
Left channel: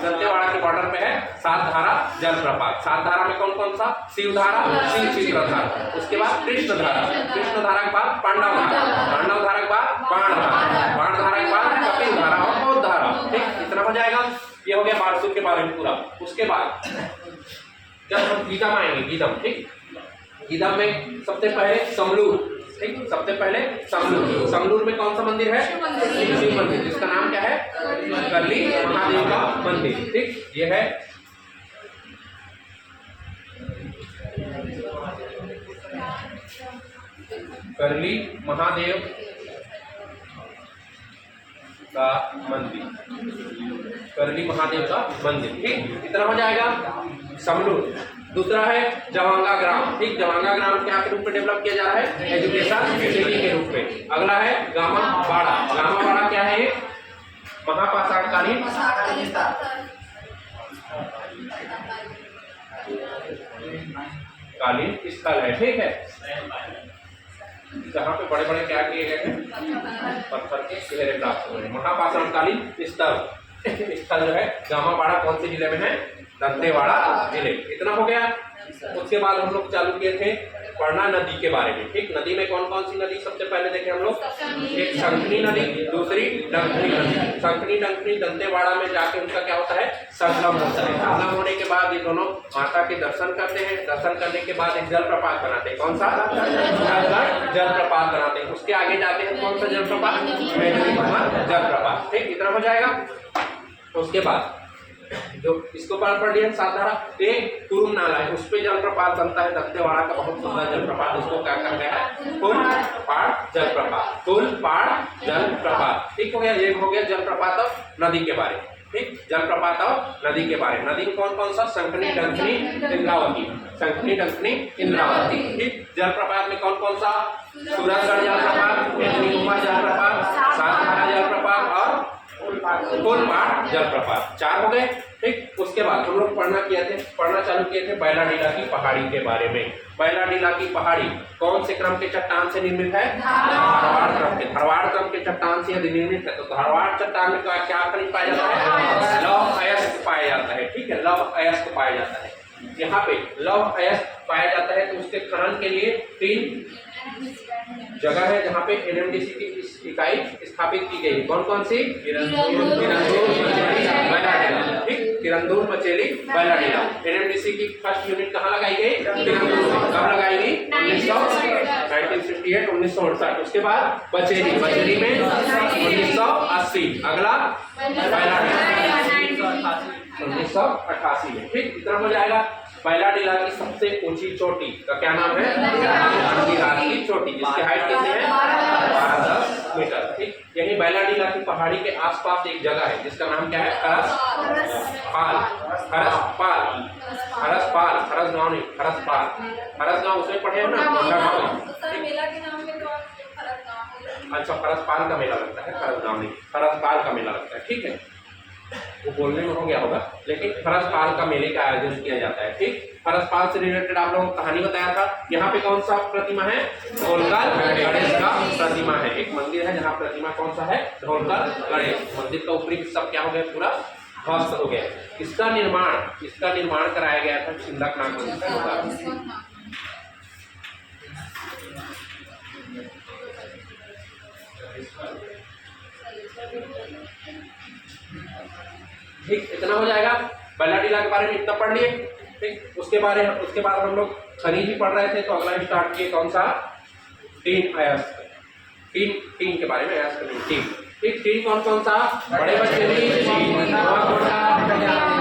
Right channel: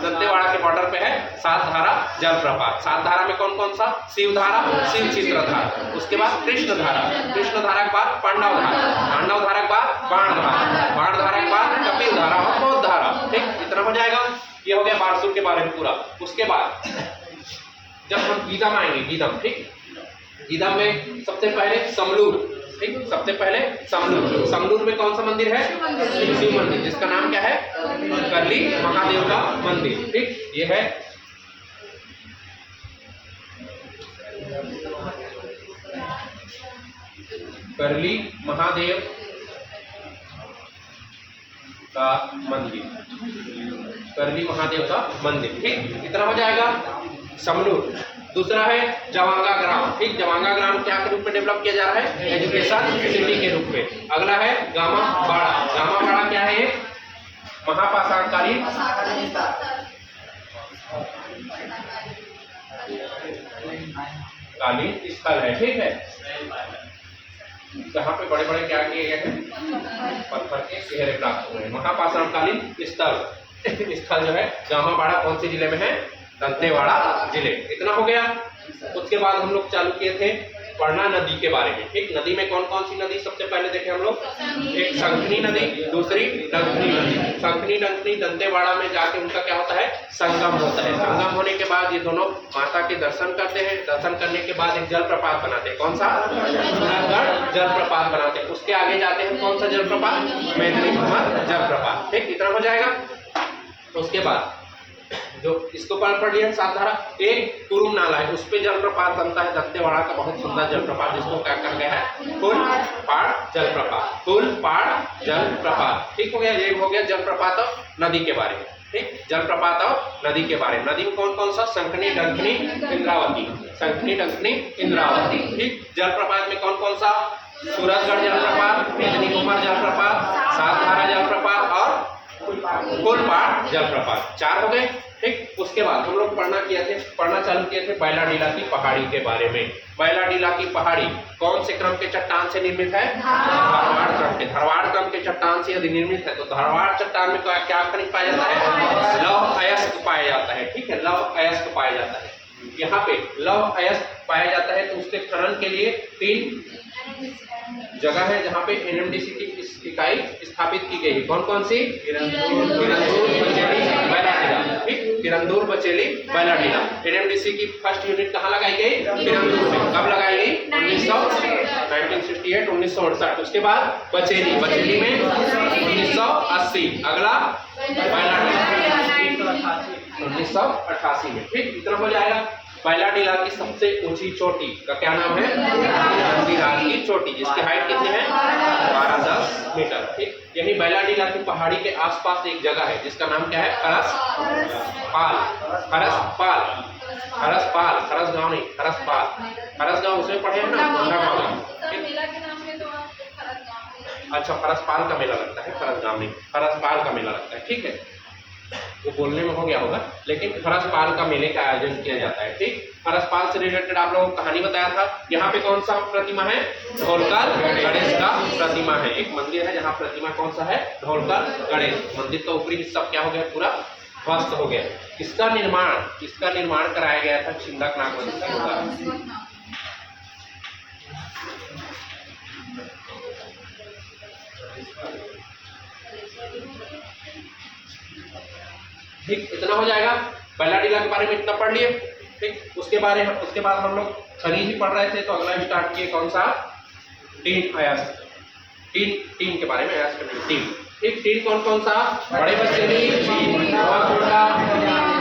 दंतेवाड़ा के बॉर्डर पे है सातधारा जलप्रपात। सातधारा में कौन कौन सा? शिव धारा, शिव चित्रधारा, उसके बाद कृष्ण धारा, कृष्ण धारा के बाद पांडव धारा, पांडव धारा के बाद बाण धारा, बाण धारा के बाद कपिल धारा और बौद्ध धारा। ठीक, इतना हो जाएगा। ये हो गया बारसूर के बारे में पूरा। उसके बाद जब हम गीदम आएंगे, गीदम। ठीक, गीदम में सबसे पहले समलूर। ठीक, सबसे पहले समलूर। समलूर में कौन सा मंदिर है? शिव मंदिर, जिसका नाम क्या है? करली महादेव का मंदिर। ठीक, ये है करली महादेव का मंदिर, करली महादेव का मंदिर। ठीक, इतना हो जाएगा समलूर। दूसरा है जवांगा ग्राम। ठीक, जवांगा ग्राम क्या के रूप में डेवलप किया जा रहा है? एजुकेशन सिटी के रूप में। अगला है गामा बाड़ा। गामा बाड़ा क्या है? महापाषाणकालीन स्थल है। ठीक है, जहाँ पे बड़े बड़े क्या किए गए हैं? पत्थर के चेहरे प्राप्त हुए हैं। महापाषाणकालीन स्थल जो है गामा बाड़ा कौन से जिले में है? दंतेवाड़ा जिले। इतना हो गया। उसके बाद हम लोग चालू किए थे पढ़ना नदी के बारे में। ठीक, नदी में कौन कौन सी नदी सबसे पहले देखे हम लोग? एक शंखनी नदी, दूसरी डंकनी नदी। शंखनी डंकनी दंतेवाड़ा में जाके उनका क्या होता है? संगम होता है। संगम होने के बाद ये दोनों माता के दर्शन करते हैं। दर्शन करने के बाद एक जलप्रपात बनाते हैं। कौन सा? जलप्रपात बनाते हैं। उसके आगे जाते हैं कौन सा जलप्रपात? मैथिली कुमार जलप्रपात। ठीक, इतना हो जाएगा। उसके बाद जो इसको पढ़ लिया सातधारा। एक कुरुम नाला है, उस पे जलप्रपात बनता है दंतेवाड़ा का, बहुत सुंदर जलप्रपात, जिसको क्या कहा गया है? कुलपाड़ जलप्रपात, कुलपाड़ जलप्रपात। ठीक हो गया, ये हो गया जलप्रपात और नदी के बारे में। ठीक, जलप्रपात और नदी के बारे में। नदी में कौन कौन सा? शंखनी, डंकनी, इंद्रावती। शंखनी, डंकनी, इंद्रावती। ठीक, जलप्रपात में कौन कौन सा? सूरजगढ़ जलप्रपात, मैथिली कुमार जलप्रपात, सातधारा जलप्रपात और कुलपाड़ जलप्रपात। 4 हो गए। ठीक, उसके बाद हम लोग पढ़ना चालू किए थे बैलाडीला की पहाड़ी के बारे में। बैलाडीला की पहाड़ी कौन से क्रम के चट्टान से निर्मित है? धारवाड़ क्रम के। धारवाड़ क्रम के चट्टान से यदि निर्मित है तो धारवाड़ चट्टान में क्या खनिज पाया जाता है? लौह अयस्क पाया जाता है। ठीक है, लौह अयस्क पाया जाता है। यहाँ पे लौह अयस्क पाया जाता है तो उसके खनन के लिए 3 जगह है जहाँ पे एनएमडीसी की इकाई स्थापित की गई। कौन कौन सी? किरंदूल, बचेली, बैलाडीला। एनएमडीसी की फर्स्ट यूनिट कहाँ लगाई गई? किरंदूल में। कब लगाई गई? 1968, 1968। उसके बाद बचेली में 1980। अगला बैलाडीला 1988 में। ठीक, इतना हो जाएगा। बैलाडीला की सबसे ऊंची चोटी का क्या नाम है? नंदीहार की चोटी, जिसकी हाइट कितनी है? 1210 मीटर। ठीक, यही बैलाडीला की पहाड़ी के आसपास एक जगह है जिसका नाम क्या है? खरस गांव नहीं, खरस गांव उसमें पढ़े हैं ना? मेला के नाम में तो आप खरस गांव। अच्छा, खरसपाल का मेला लगता है, खरस गांव नहीं, खरसपाल का मेला लगता है। ठीक है, वो बोलने में हो गया होगा, लेकिन खरसपाल का मेले का आयोजन किया जाता है। ठीक, खरसपाल से रिलेटेड आप लोगों को कहानी बताया था। यहाँ पे कौन सा प्रतिमा है? ढोलकर गणेश का प्रतिमा है। एक मंदिर है जहाँ प्रतिमा कौन सा है? ढोलकर गणेश। मंदिर का ऊपरी हिस्सा क्या हो गया? पूरा ध्वस्त हो गया। किसका निर्माण कराया गया था? छिंदक नाग। ठीक, इतना हो जाएगा। बैलाडीला के बारे में इतना पढ़ लिए। ठीक, उसके बाद हम लोग खनिज ही पढ़ रहे थे, तो अगला स्टार्ट किए कौन सा? टीन अयस्क। टीन के बारे में अयस्क टीन। ठीक, टीन कौन सा? बड़े बच्चे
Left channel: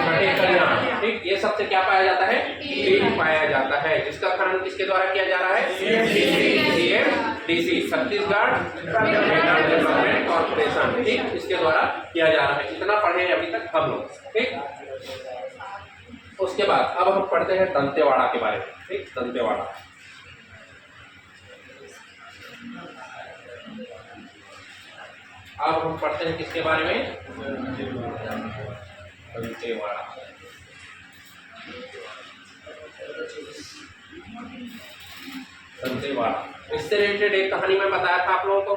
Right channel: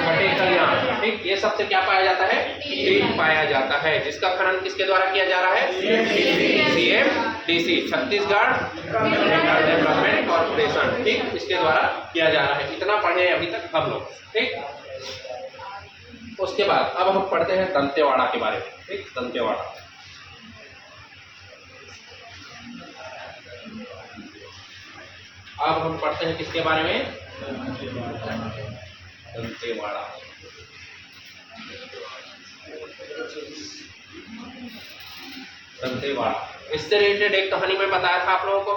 छठे कल्याण। ठीक, ये सबसे क्या पाया जाता है? टीन पाया जाता है, जिसका खनन किसके द्वारा किया जा रहा है? CMDC, Chhattisgarh development corporation. ठीक, इसके द्वारा किया जा रहा है। इतना पढ़े अभी तक हम लोग। ठीक, उसके बाद अब हम पढ़ते हैं दंतेवाड़ा के बारे में। ठीक, दंतेवाड़ा। अब हम पढ़ते हैं किसके बारे में? दंतेवाड़ा। दंतेवाड़ा, इससे रिलेटेड एक कहानी मैं बताया था आप लोगों को।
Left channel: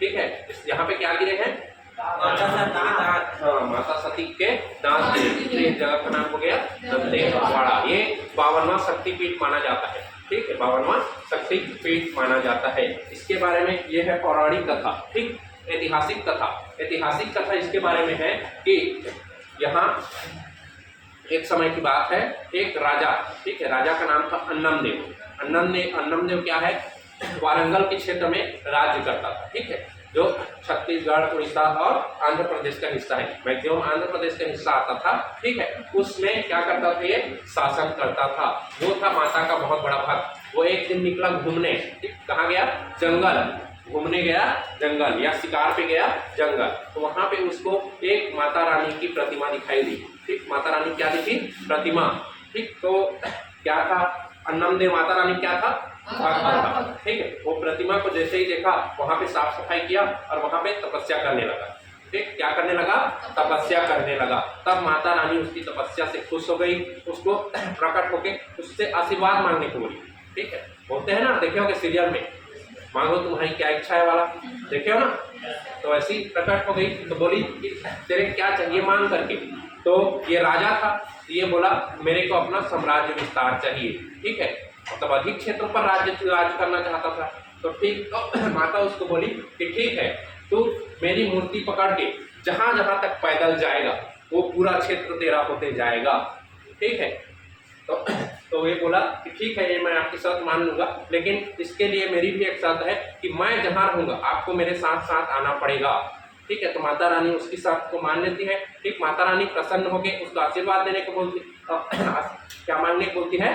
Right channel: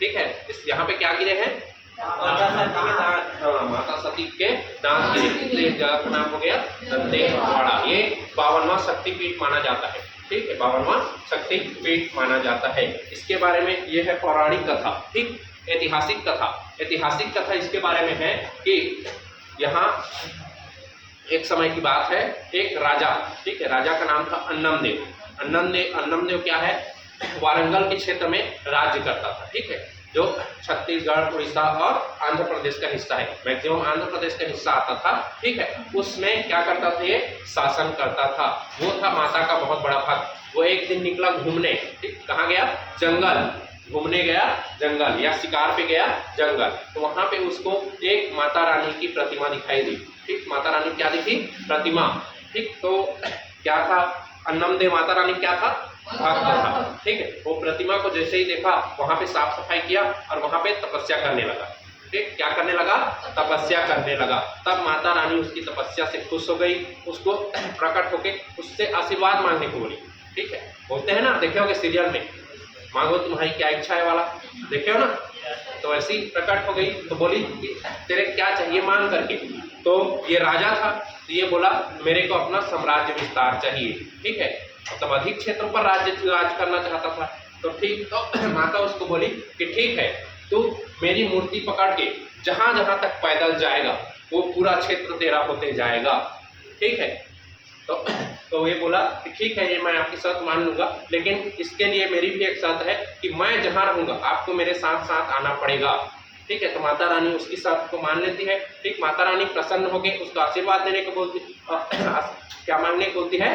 ठीक है, यहाँ पे क्या गिरे हैं? हाँ, माता सती के दांत गिरे। इसलिए इस जगह का नाम हो गया दंतेवाड़ा। ये 52वां शक्तिपीठ माना जाता है। ठीक है, 52वां शक्तिपीठ माना जाता है। इसके बारे में ये है पौराणिक कथा। ठीक, ऐतिहासिक कथा इसके बारे में है कि यहाँ एक समय की बात है, एक राजा, ठीक है, राजा का नाम था अन्नमदेव। अन्नमदेव क्या है? वारंगल के क्षेत्र में राज्य करता था। ठीक है, जो छत्तीसगढ़, उड़ीसा और आंध्र प्रदेश का हिस्सा है। मैक्सिमम आंध्र प्रदेश का हिस्सा आता था। ठीक है, उसमें क्या करता था? ये शासन करता था। वो था माता का बहुत बड़ा भक्त। वो एक दिन निकला घूमने। ठीक, कहाँ गया? जंगल घूमने गया, जंगल या शिकार पे गया जंगल। तो वहां पे उसको एक माता रानी की प्रतिमा दिखाई दी। ठीक, माता रानी क्या दिखी? प्रतिमा। ठीक, तो क्या था? अन्नमदेव माता रानी क्या था? भक्त था। ठीक है, वो प्रतिमा को जैसे ही देखा, वहां पे साफ सफाई किया और वहां पे तपस्या करने लगा। ठीक, क्या करने लगा? तपस्या करने लगा। तब माता रानी उसकी तपस्या से खुश हो गई, उसको प्रकट होके उससे आशीर्वाद मांगने को बोली। ठीक है, बोलते हैं ना, देखे होंगे सीरियल में, मांगो तुम्हारी क्या इच्छा है वाला, देखे हो ना? तो ऐसी प्रकट हो गई, तो बोली कि तेरे क्या चाहिए मांग करके। तो ये राजा था, तो ये बोला मेरे को अपना साम्राज्य विस्तार चाहिए। ठीक है, मतलब अधिक क्षेत्रों पर राज करना चाहता था। तो ठीक, तो माता उसको बोली कि ठीक है, तू मेरी मूर्ति पकड़ के जहां जहां तक पैदल जाएगा वो पूरा क्षेत्र तेरा होते जाएगा। ठीक है, तो ये बोला कि ठीक है, ये मैं आपकी शर्त मान लूंगा, लेकिन इसके लिए मेरी भी एक शर्त है कि मैं जहां रहूंगा आपको मेरे साथ साथ आना पड़ेगा। ठीक है, तो माता रानी उसकी शर्त को मान लेती है। ठीक, माता रानी प्रसन्न होकर उसको आशीर्वाद देने को बोलती, क्या मांगने को बोलती है?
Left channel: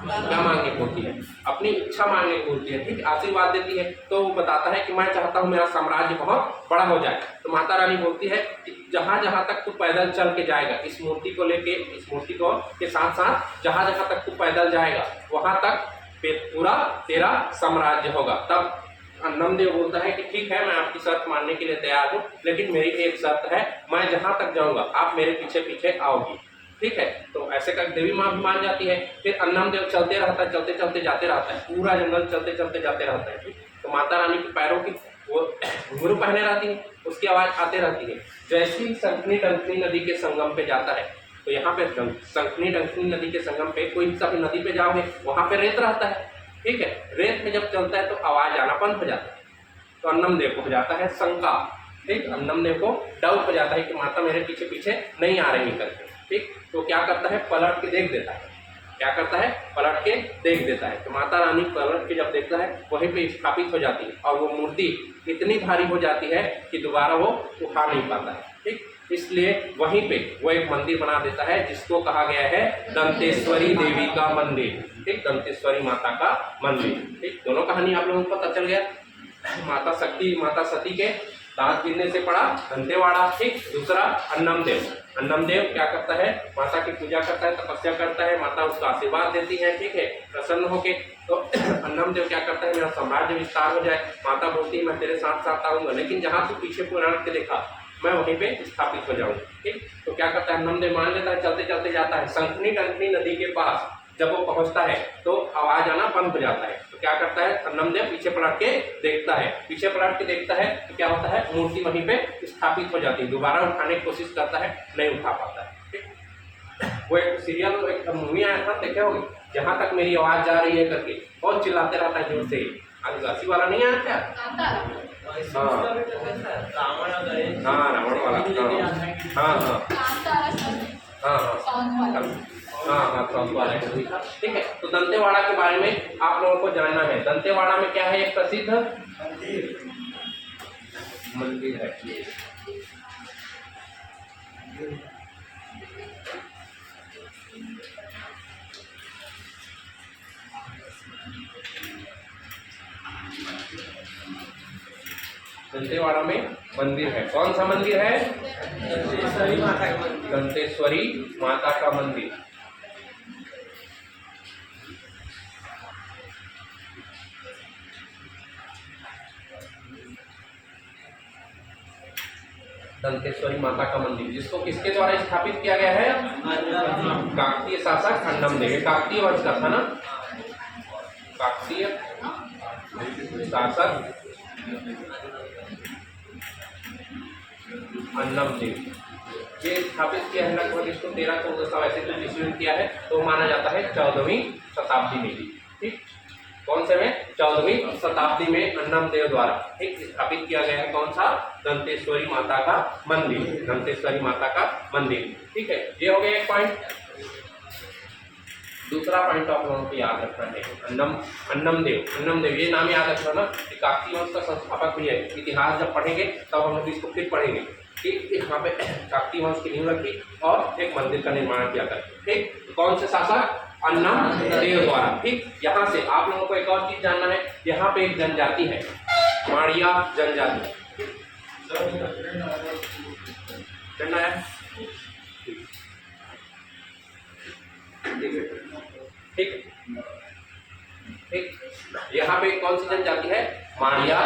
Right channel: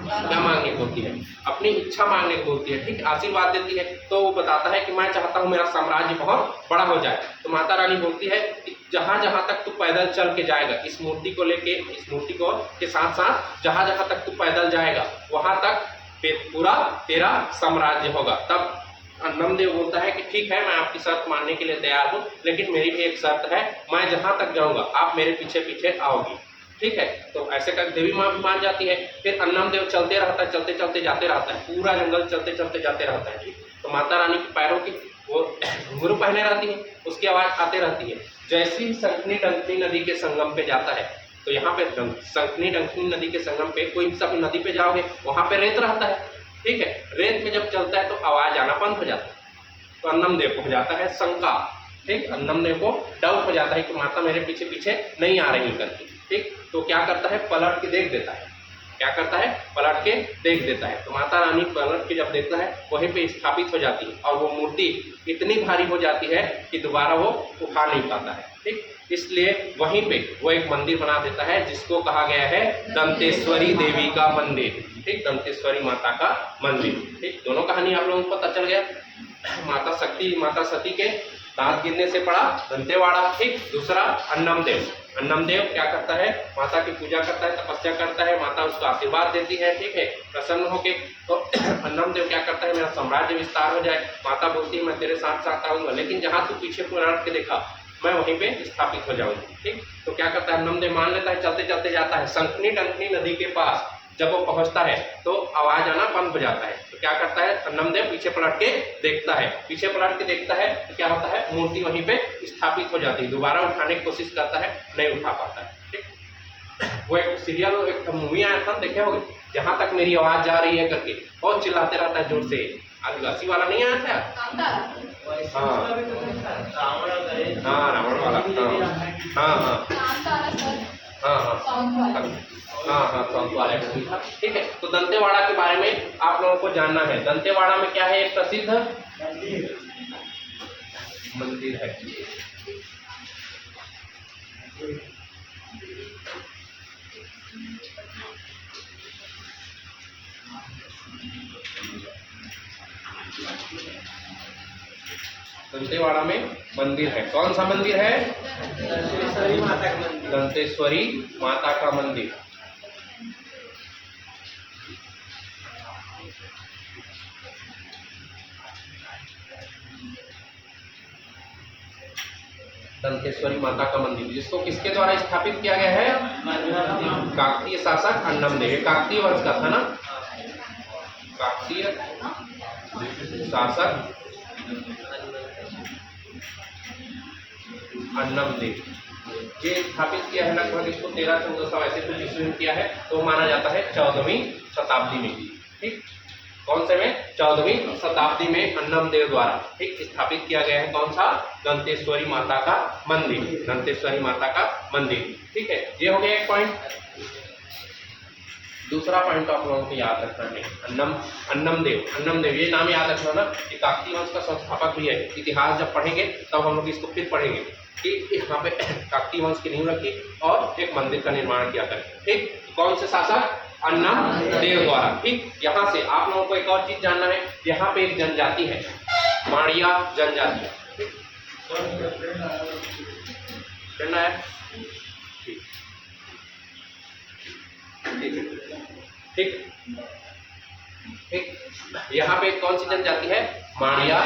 क्या मांगने को बोलती है? अपनी इच्छा मांगने को बोलती है। ठीक, आशीर्वाद देती है। तो वो बताता है कि मैं चाहता हूँ मेरा साम्राज्य बहुत बड़ा हो जाए। तो माता रानी बोलती है कि जहाँ जहाँ तक तू पैदल चल के जाएगा, इस मूर्ति को लेके, इस मूर्ति को के साथ साथ जहाँ जहाँ तक तू पैदल जाएगा वहाँ तक पूरा तेरा साम्राज्य होगा। तब अन्नमदेव बोलता है कि ठीक है, मैं आपकी शर्त मानने के लिए तैयार हूँ, लेकिन मेरी भी एक शर्त है, मैं जहाँ तक जाऊँगा आप मेरे पीछे पीछे आओगी। ठीक है, तो ऐसे कर देवी माँ भी मान जाती है। फिर अन्नमदेव चलते रहता है, चलते चलते जाते रहता है, पूरा जंगल चलते चलते जाते रहता है। ठीक, तो माता रानी के पैरों की वो घुंघरू पहने रहती है, उसकी आवाज़ आते रहती है। जैसे ही संकनी डंकनी नदी के संगम पे जाता है, तो यहाँ पे संकनी डंकनी नदी के संगम पे कोई सा भी नदी पे जाओगे वहाँ पे रेत रहता है। ठीक है, रेत में जब चलता है तो आवाज़ आना बंद हो जाता है। तो अन्नमदेव को हो जाता है शंका। ठीक, अन्नमदेव को डाउट हो जाता है कि माता मेरे पीछे पीछे नहीं आ रही करके। ठीक, तो क्या करता है? पलट के देख देता है। क्या करता है? पलट के देख देता है। तो माता रानी पलट के जब देखता है वहीं पे स्थापित हो जाती है, और वो मूर्ति इतनी भारी हो जाती है कि दोबारा वो उठा नहीं पाता है। ठीक, इसलिए वहीं पे वो एक मंदिर बना देता है जिसको कहा गया है दंतेश्वरी देवी का मंदिर, ठीक, दंतेश्वरी माता का मंदिर। ठीक, दोनों कहानी आप लोगों को पता चल गया। माता सती के दांत गिरने से पड़ा दंतेवाड़ा। ठीक, दूसरा अन्नम देव क्या करता है, माता की पूजा करता है, तपस्या करता है, माता उसको आशीर्वाद देती है, ठीक है, प्रसन्न होके। तो अन्नम देव क्या करता है, मेरा साम्राज्य विस्तार हो जाए। माता बोलती है मैं तेरे साथ साथ आऊंगा, लेकिन जहाँ तू पीछे पलट के देखा मैं वहीं पे स्थापित हो जाऊंगा। ठीक, तो क्या करता है, अन्नम देव मान लेता है, चलते चलते जाता है शंखनी टंकनी नदी के पास। जब वो पहुंचता है तो आवाज आना बंद हो जाता है। तो क्या करता है, अन्नम देव पीछे पलट के देखता है, पीछे पलट के देखता है तो क्या होता है, मूर्ति वहीं पे स्थापित हो जाती है। दोबारा उठाने की कोशिश करता है, नहीं उठा पाता है। ठीक, वो एक सीरियल एक मूवी आया था, देखे होंगे, जहां तक मेरी आवाज जा रही है करके बहुत चिल्लाते रहता है जोर से। आदिवासी वाला नहीं आया था? हाँ हाँ, रावण वाला। हाँ हाँ हाँ, सौंप वाला मूवी था। ठीक है, तो दंतेवाड़ा के बारे में आप लोगों को जानना है। दंतेवाड़ा में क्या है, एक प्रसिद्ध मंदिर है। दंतेवाड़ा में मंदिर है, कौन सा मंदिर है, दंतेश्वरी माता का मंदिर। दंतेश्वरी माता का मंदिर, जिसको किसके द्वारा स्थापित किया गया है, काकतीय शासक अन्नम देव। ये काकतीय वंश का था ना, काकतीय शासक अन्नम देव, ये स्थापित किया है लगभग इसको 1300-1400 ऐसे कुछ ईस्वी में किया है। तो माना जाता है 14वीं शताब्दी में। ठीक, कौन से में, 14वीं शताब्दी में अन्नम देव द्वारा ठीक स्थापित किया गया है। कौन सा, दंतेश्वरी माता का मंदिर, दंतेश्वरी माता का मंदिर। ठीक है, ये हो गया एक पॉइंट। दूसरा पॉइंट तो आप लोगों को याद रखना है, अन्नम देव, ये नाम याद रखना ना, कि काकतीय वंश का संस्थापक भी है। इतिहास जब पढ़ेंगे तब हम लोग इसको फिर पढ़ेंगे कि यहाँ पे काकतीय वंश की नींव रखी और एक मंदिर का निर्माण किया करके। ठीक, कौन से शासक, अन्नम देव द्वारा। ठीक, यहाँ से आप लोगों को एक और चीज जानना है, यहाँ पे एक जनजाति है, माड़िया जनजाति। जानना है, ठीक, यहाँ पे कौन सी जनजाति है, माड़िया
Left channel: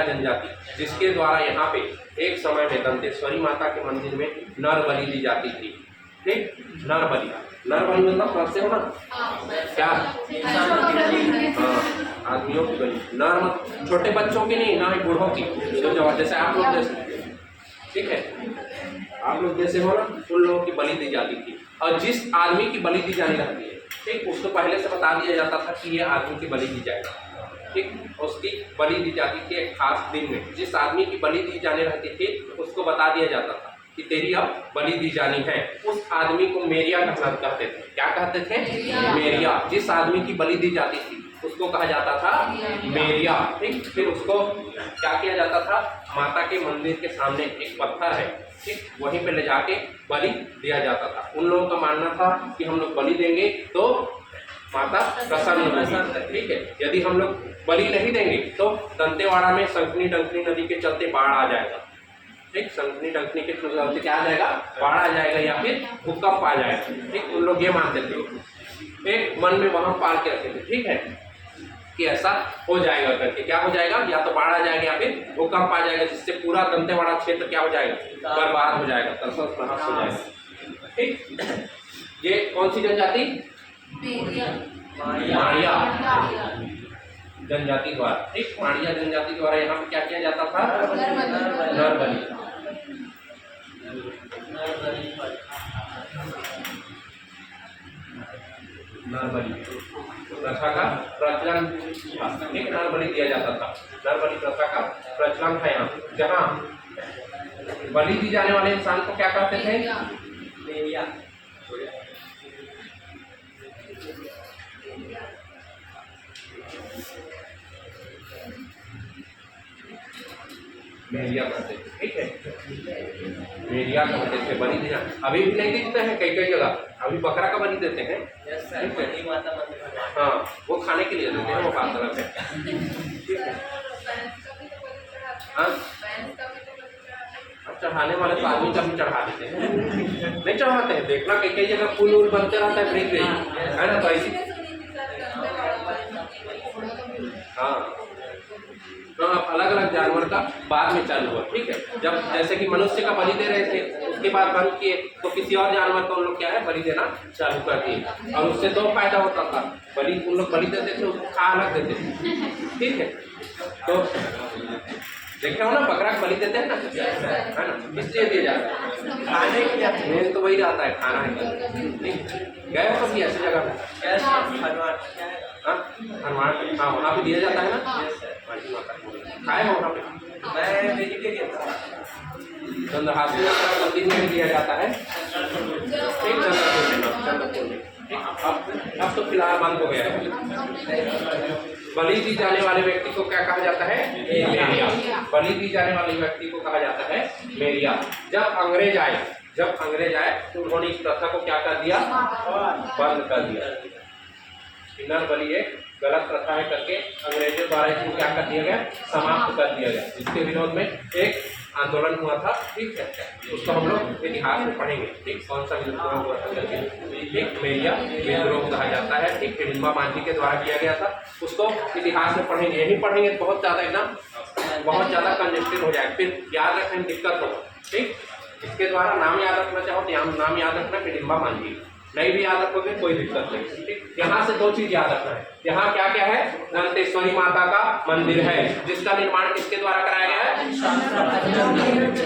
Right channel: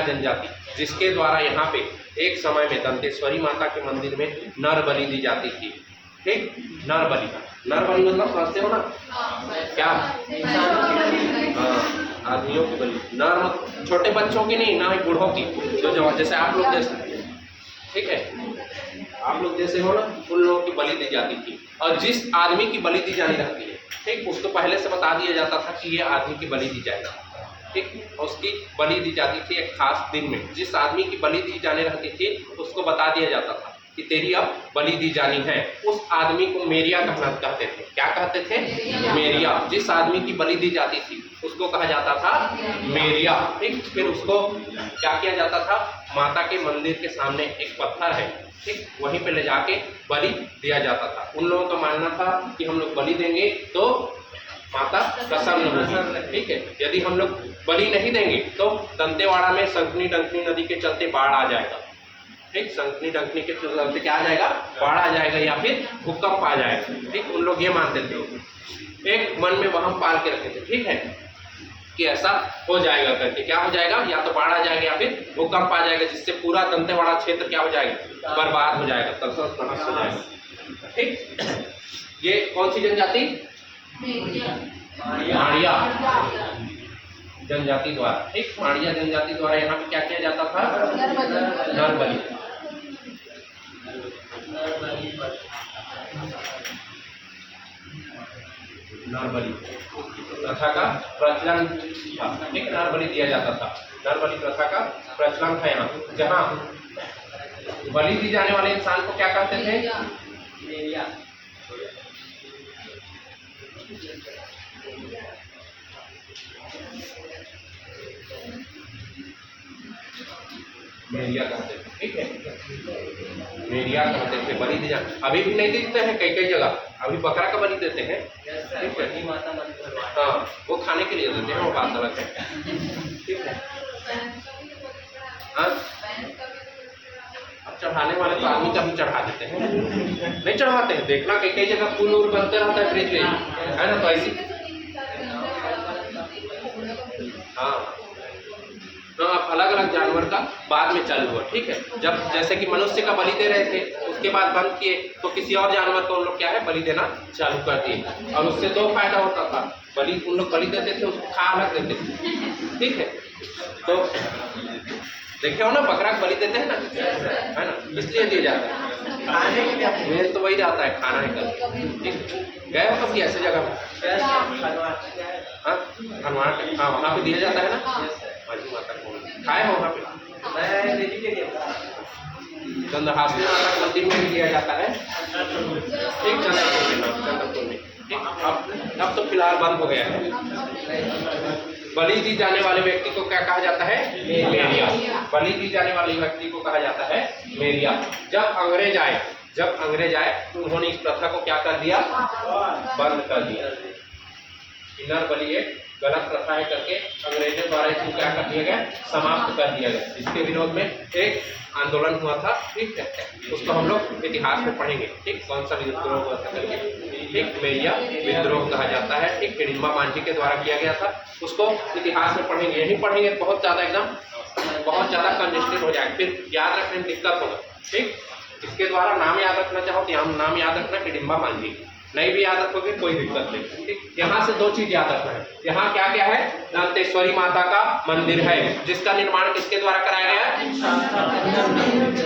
जनजाति, जिसके द्वारा यहाँ पे एक समय में दंतेश्वरी माता के मंदिर में नर बलि दी जाती थी। ठीक, नर बलि मतलब समझते हो ना, क्या, हाँ, आदमियों की बलि, नर मत छोटे बच्चों की नहीं, ना ही बूढ़ों की, जो जैसे आप लोग जैसे, ठीक है, आप लोग जैसे हो ना, उन लोगों की बलि दी जाती थी। और जिस आदमी की बलि दी जानी रहती है, ठीक, उसको पहले से बता दिया जाता था कि ये आदमी की बलि दी जाएगी। ठीक, उसकी बलि दी जाती थी एक खास दिन में। जिस आदमी की बलि दी जाने रहती थी उसको बता दिया जाता था कि तेरी अब बलि दी जानी है। उस आदमी को मेरिया कहते थे। क्या कहते थे, मेरिया। जिस आदमी की बलि दी जाती थी उसको कहा जाता था मेरिया। ठीक, फिर उसको क्या किया जाता था, माता के मंदिर के सामने एक पत्थर है, ठीक, वहीं पे ले जाके बलि दिया जाता था। उन लोगों का मानना था कि हम लोग बलि देंगे तो माता प्रसन्न होगी। ठीक है, यदि हम लोग बलि नहीं देंगे तो दंतेवाड़ा में शंखनी डंकनी नदी के चलते बाढ़ आ जाएगा। ठीक, शंखनी डंकनी के चलते क्या आ जाएगा, बाढ़ आ जाएगा या फिर भूकंप आ जाएगा। ठीक, उन लोग ये मानते थे, एक मन में वहम पाल के रखे थे। ठीक है, कि ऐसा हो जाएगा करके। क्या हो जाएगा, या तो बाढ़ आ जाएगा या फिर भूकंप आ जाएगा, जिससे पूरा दंतेवाड़ा क्षेत्र क्या हो जाएगा, बर्बाद हो जाएगा, तहस नहस हो जाएगा। ठीक, ये कौन सी जनजाति, माड़िया जनजाति द्वारा। ठीक, माड़िया जनजाति द्वारा यहाँ पे क्या किया जाता था, नर बलि। नर बलि प्रथा का प्रचलन था। ठीक, नर बलि दिया जाता था, नर बलि प्रथा का प्रचलन था यहाँ। जहाँ बलि दी जाने वाले इंसान को क्या कहते थे, मेरिया। मेरिया कहते थे। ठीक है, मेरिया कहते थे, बलि दी जाने। अभी भी नहीं दिखते हैं कई कई जगह, अभी बकरा का बलि देते हैं, ठीक है। हाँ, वो खाने के लिए देते हैं, वो बात अलग है, ठीक है। भैंस का भी तो बलि चढ़ाते हैं। हाँ? भैंस का भी तो बलि चढ़ाते हैं। अब चढ़ाने वाले तो आदमी का भी चढ़ा देते हैं, नहीं चढ़ाते हैं। देखना कई कई जगह पुल उल बनते रहता है ब्रिज है ना, तो ऐसी इसी में सुनी थी सर, दंतेवाड़ा वाले मंदिर में घोड़े का भी। हाँ, तो अब अलग अलग जानवर का बाद में चालू हुआ, ठीक है। जब जैसे कि मनुष्य का बलि दे रहे थे, उसके बाद बंद किए, तो किसी और जानवर को उन लोग क्या है बलि देना चालू कर दिए, और उससे दो फायदा होता था। बलि उन लोग बलि देते थे, उसको खा अलग देते थे, ठीक है। तो देखे हो ना, बकरा का बलि देते हैं ना, है ना, इसलिए दिया जाता है। मेन तो वही रहता है, खाना है। गए हो कभी ऐसी जगह में? हाँ, हनुमान, हाँ, वहाँ पे दिया जाता है ना, माजी माता को खाए हो वहाँ पे? चंद्रहासी माता के मंदिर में भी दिया जाता है, ठीक, चंद्रपुर में, ठीक। अब तो फिलहाल बंद हो गया है। बलि दी जाने वाले व्यक्ति को क्या कहा जाता है? मेरिया। बलि दी जाने वाले व्यक्ति को कहा जाता है मेरिया। जब अंग्रेज आए तो उन्होंने इस प्रथा को क्या कर दिया? बंद कर दिया। किन्नर बलि एक गलत प्रथा है करके अंग्रेजों द्वारा इसको क्या कर दिया गया? समाप्त कर दिया गया। इसके विरोध में एक आंदोलन हुआ था, ठीक है, उसको हम लोग इतिहास में पढ़ेंगे, ठीक। कौन सा विद्रोह हुआ था करके, ठीक, मेरिया विद्रोह कहा जाता है, ठीक। हिडिंबा मांझी के द्वारा किया गया था, उसको इतिहास में पढ़ेंगे। यही पढ़ेंगे बहुत ज़्यादा एकदम बहुत ज़्यादा कंजेस्टेड हो जाएगा, फिर याद रखने में दिक्कत होगा, ठीक। इसके द्वारा नाम याद रखना चाहो तो यहाँ नाम याद रखना हिडिंबा मांझी, नहीं भी याद रखोगे कोई दिक्कत नहीं, ठीक। यहाँ से दो चीज याद रखना है। यहाँ क्या क्या है? दंतेश्वरी माता का मंदिर है, जिसका निर्माण किसके द्वारा कराया गया है?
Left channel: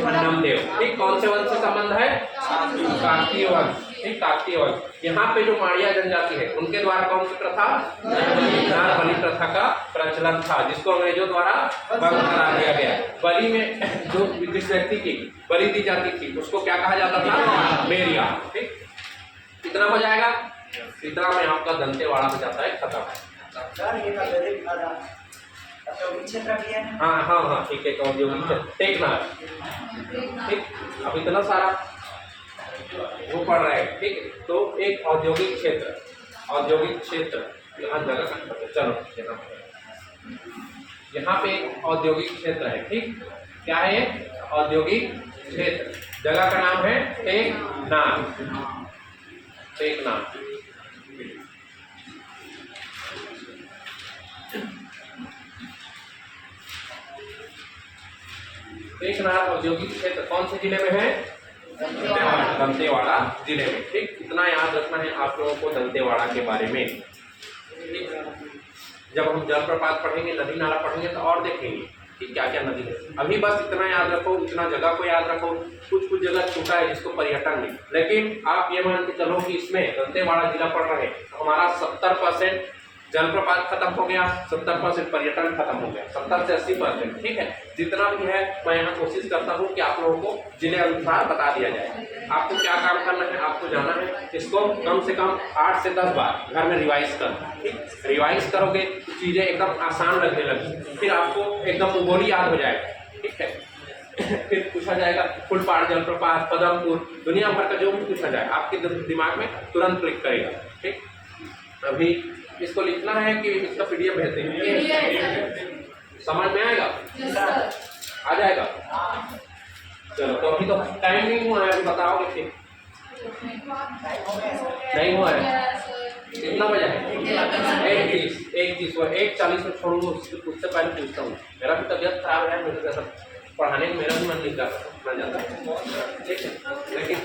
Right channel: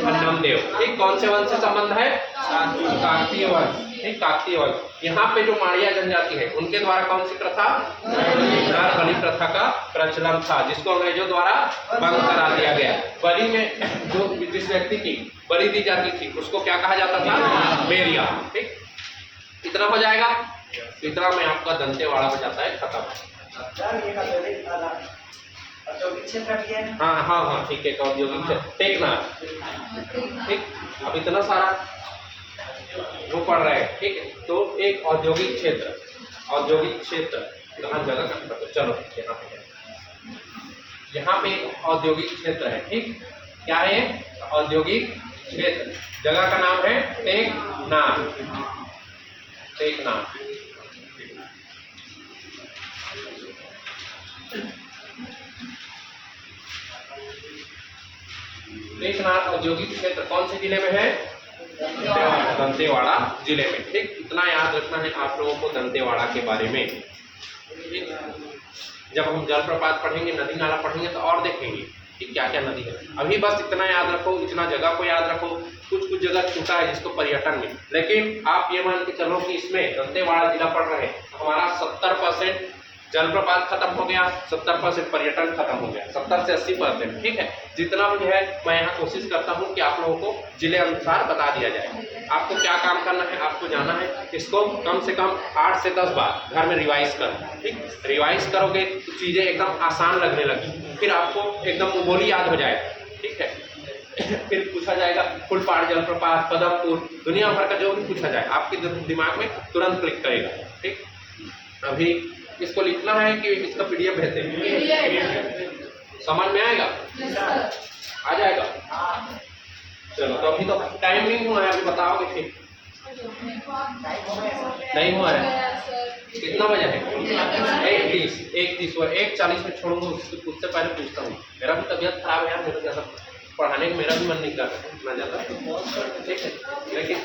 अन्नमदेव, ठीक। कौन से वंश से संबंध है? काकतीय वंश, ठीक, काकतीय वंश। यहाँ पे जो माड़िया जनजाति है, उनके द्वारा कौन सी प्रथा? किन्नर बलि प्रथा का प्रचलन था, जिसको अंग्रेजों द्वारा बंद करा दिया गया। बलि में जो जिस व्यक्ति की बलि दी जाती थी, उसको क्या कहा जाता था? मेरिया, ठीक। कितना हो जाएगा? इतना में आपका दंतेवाड़ा हो जाता है खत्म। हाँ हाँ हाँ, ठीक है, औद्योगिक क्षेत्र टेकनार, ठीक। अब इतना सारा वो पढ़ रहे हैं, ठीक है। तो एक औद्योगिक क्षेत्र कहाँ जगह का, चलो यहाँ पे एक औद्योगिक क्षेत्र है, ठीक। क्या है ये? औद्योगिक क्षेत्र। जगह का नाम है टेकनार। टेकनार औद्योगिक क्षेत्र कौन से जिले में है? दंतेवाड़ा जिले में, ठीक। इतना याद रखना है आप लोगों को दंतेवाड़ा के बारे में। जब हम जलप्रपात पढ़ेंगे, नदी नाला पढ़ेंगे तो और देखेंगे कि क्या क्या नदी है। अभी बस इतना याद रखो, इतना जगह को याद रखो। कुछ जगह छूटा है जिसको पर्यटन में, लेकिन आप ये मान के चलो कि इसमें दंतेवाड़ा जिला पड़ रहे हैं, हमारा 70% जलप्रपात खत्म हो गया, 70% पर्यटन खत्म हो गया, 70 से 80%, ठीक है। जितना भी है मैं यहाँ कोशिश करता हूँ कि आप लोगों को जिले अनुसार बता दिया जाए। आपको क्या काम करना है? आपको जाना है, इसको कम से कम 8 से 10 बार घर में रिवाइज करो, ठीक। रिवाइज करोगे तो चीज़ें एकदम आसान लगने लगी, फिर आपको एकदम बोली याद हो जाएगा, ठीक है। फिर पूछा जाएगा फुलपाड़ जलप्रपात, पदमपुर, दुनिया भर का जो भी पूछा जाए आपके दिमाग में तुरंत क्लिक करेगा, ठीक। अभी इसको लिखना है कि इसका पीडीएफ भेजते हैं, समझ में आएगा? आ जाएगा? चलो, तो अभी तो टाइम नहीं हुआ है, अभी बताओगे फिर। नहीं हुआ है? कितना बजे है? 1:30 में छोड़ूंगा, उससे पहले पूछता हूँ। मेरा भी तबीयत खराब है, मेरे जैसा पढ़ाने का मेरा भी मन नहीं कर रहा जाता है, ठीक है। लेकिन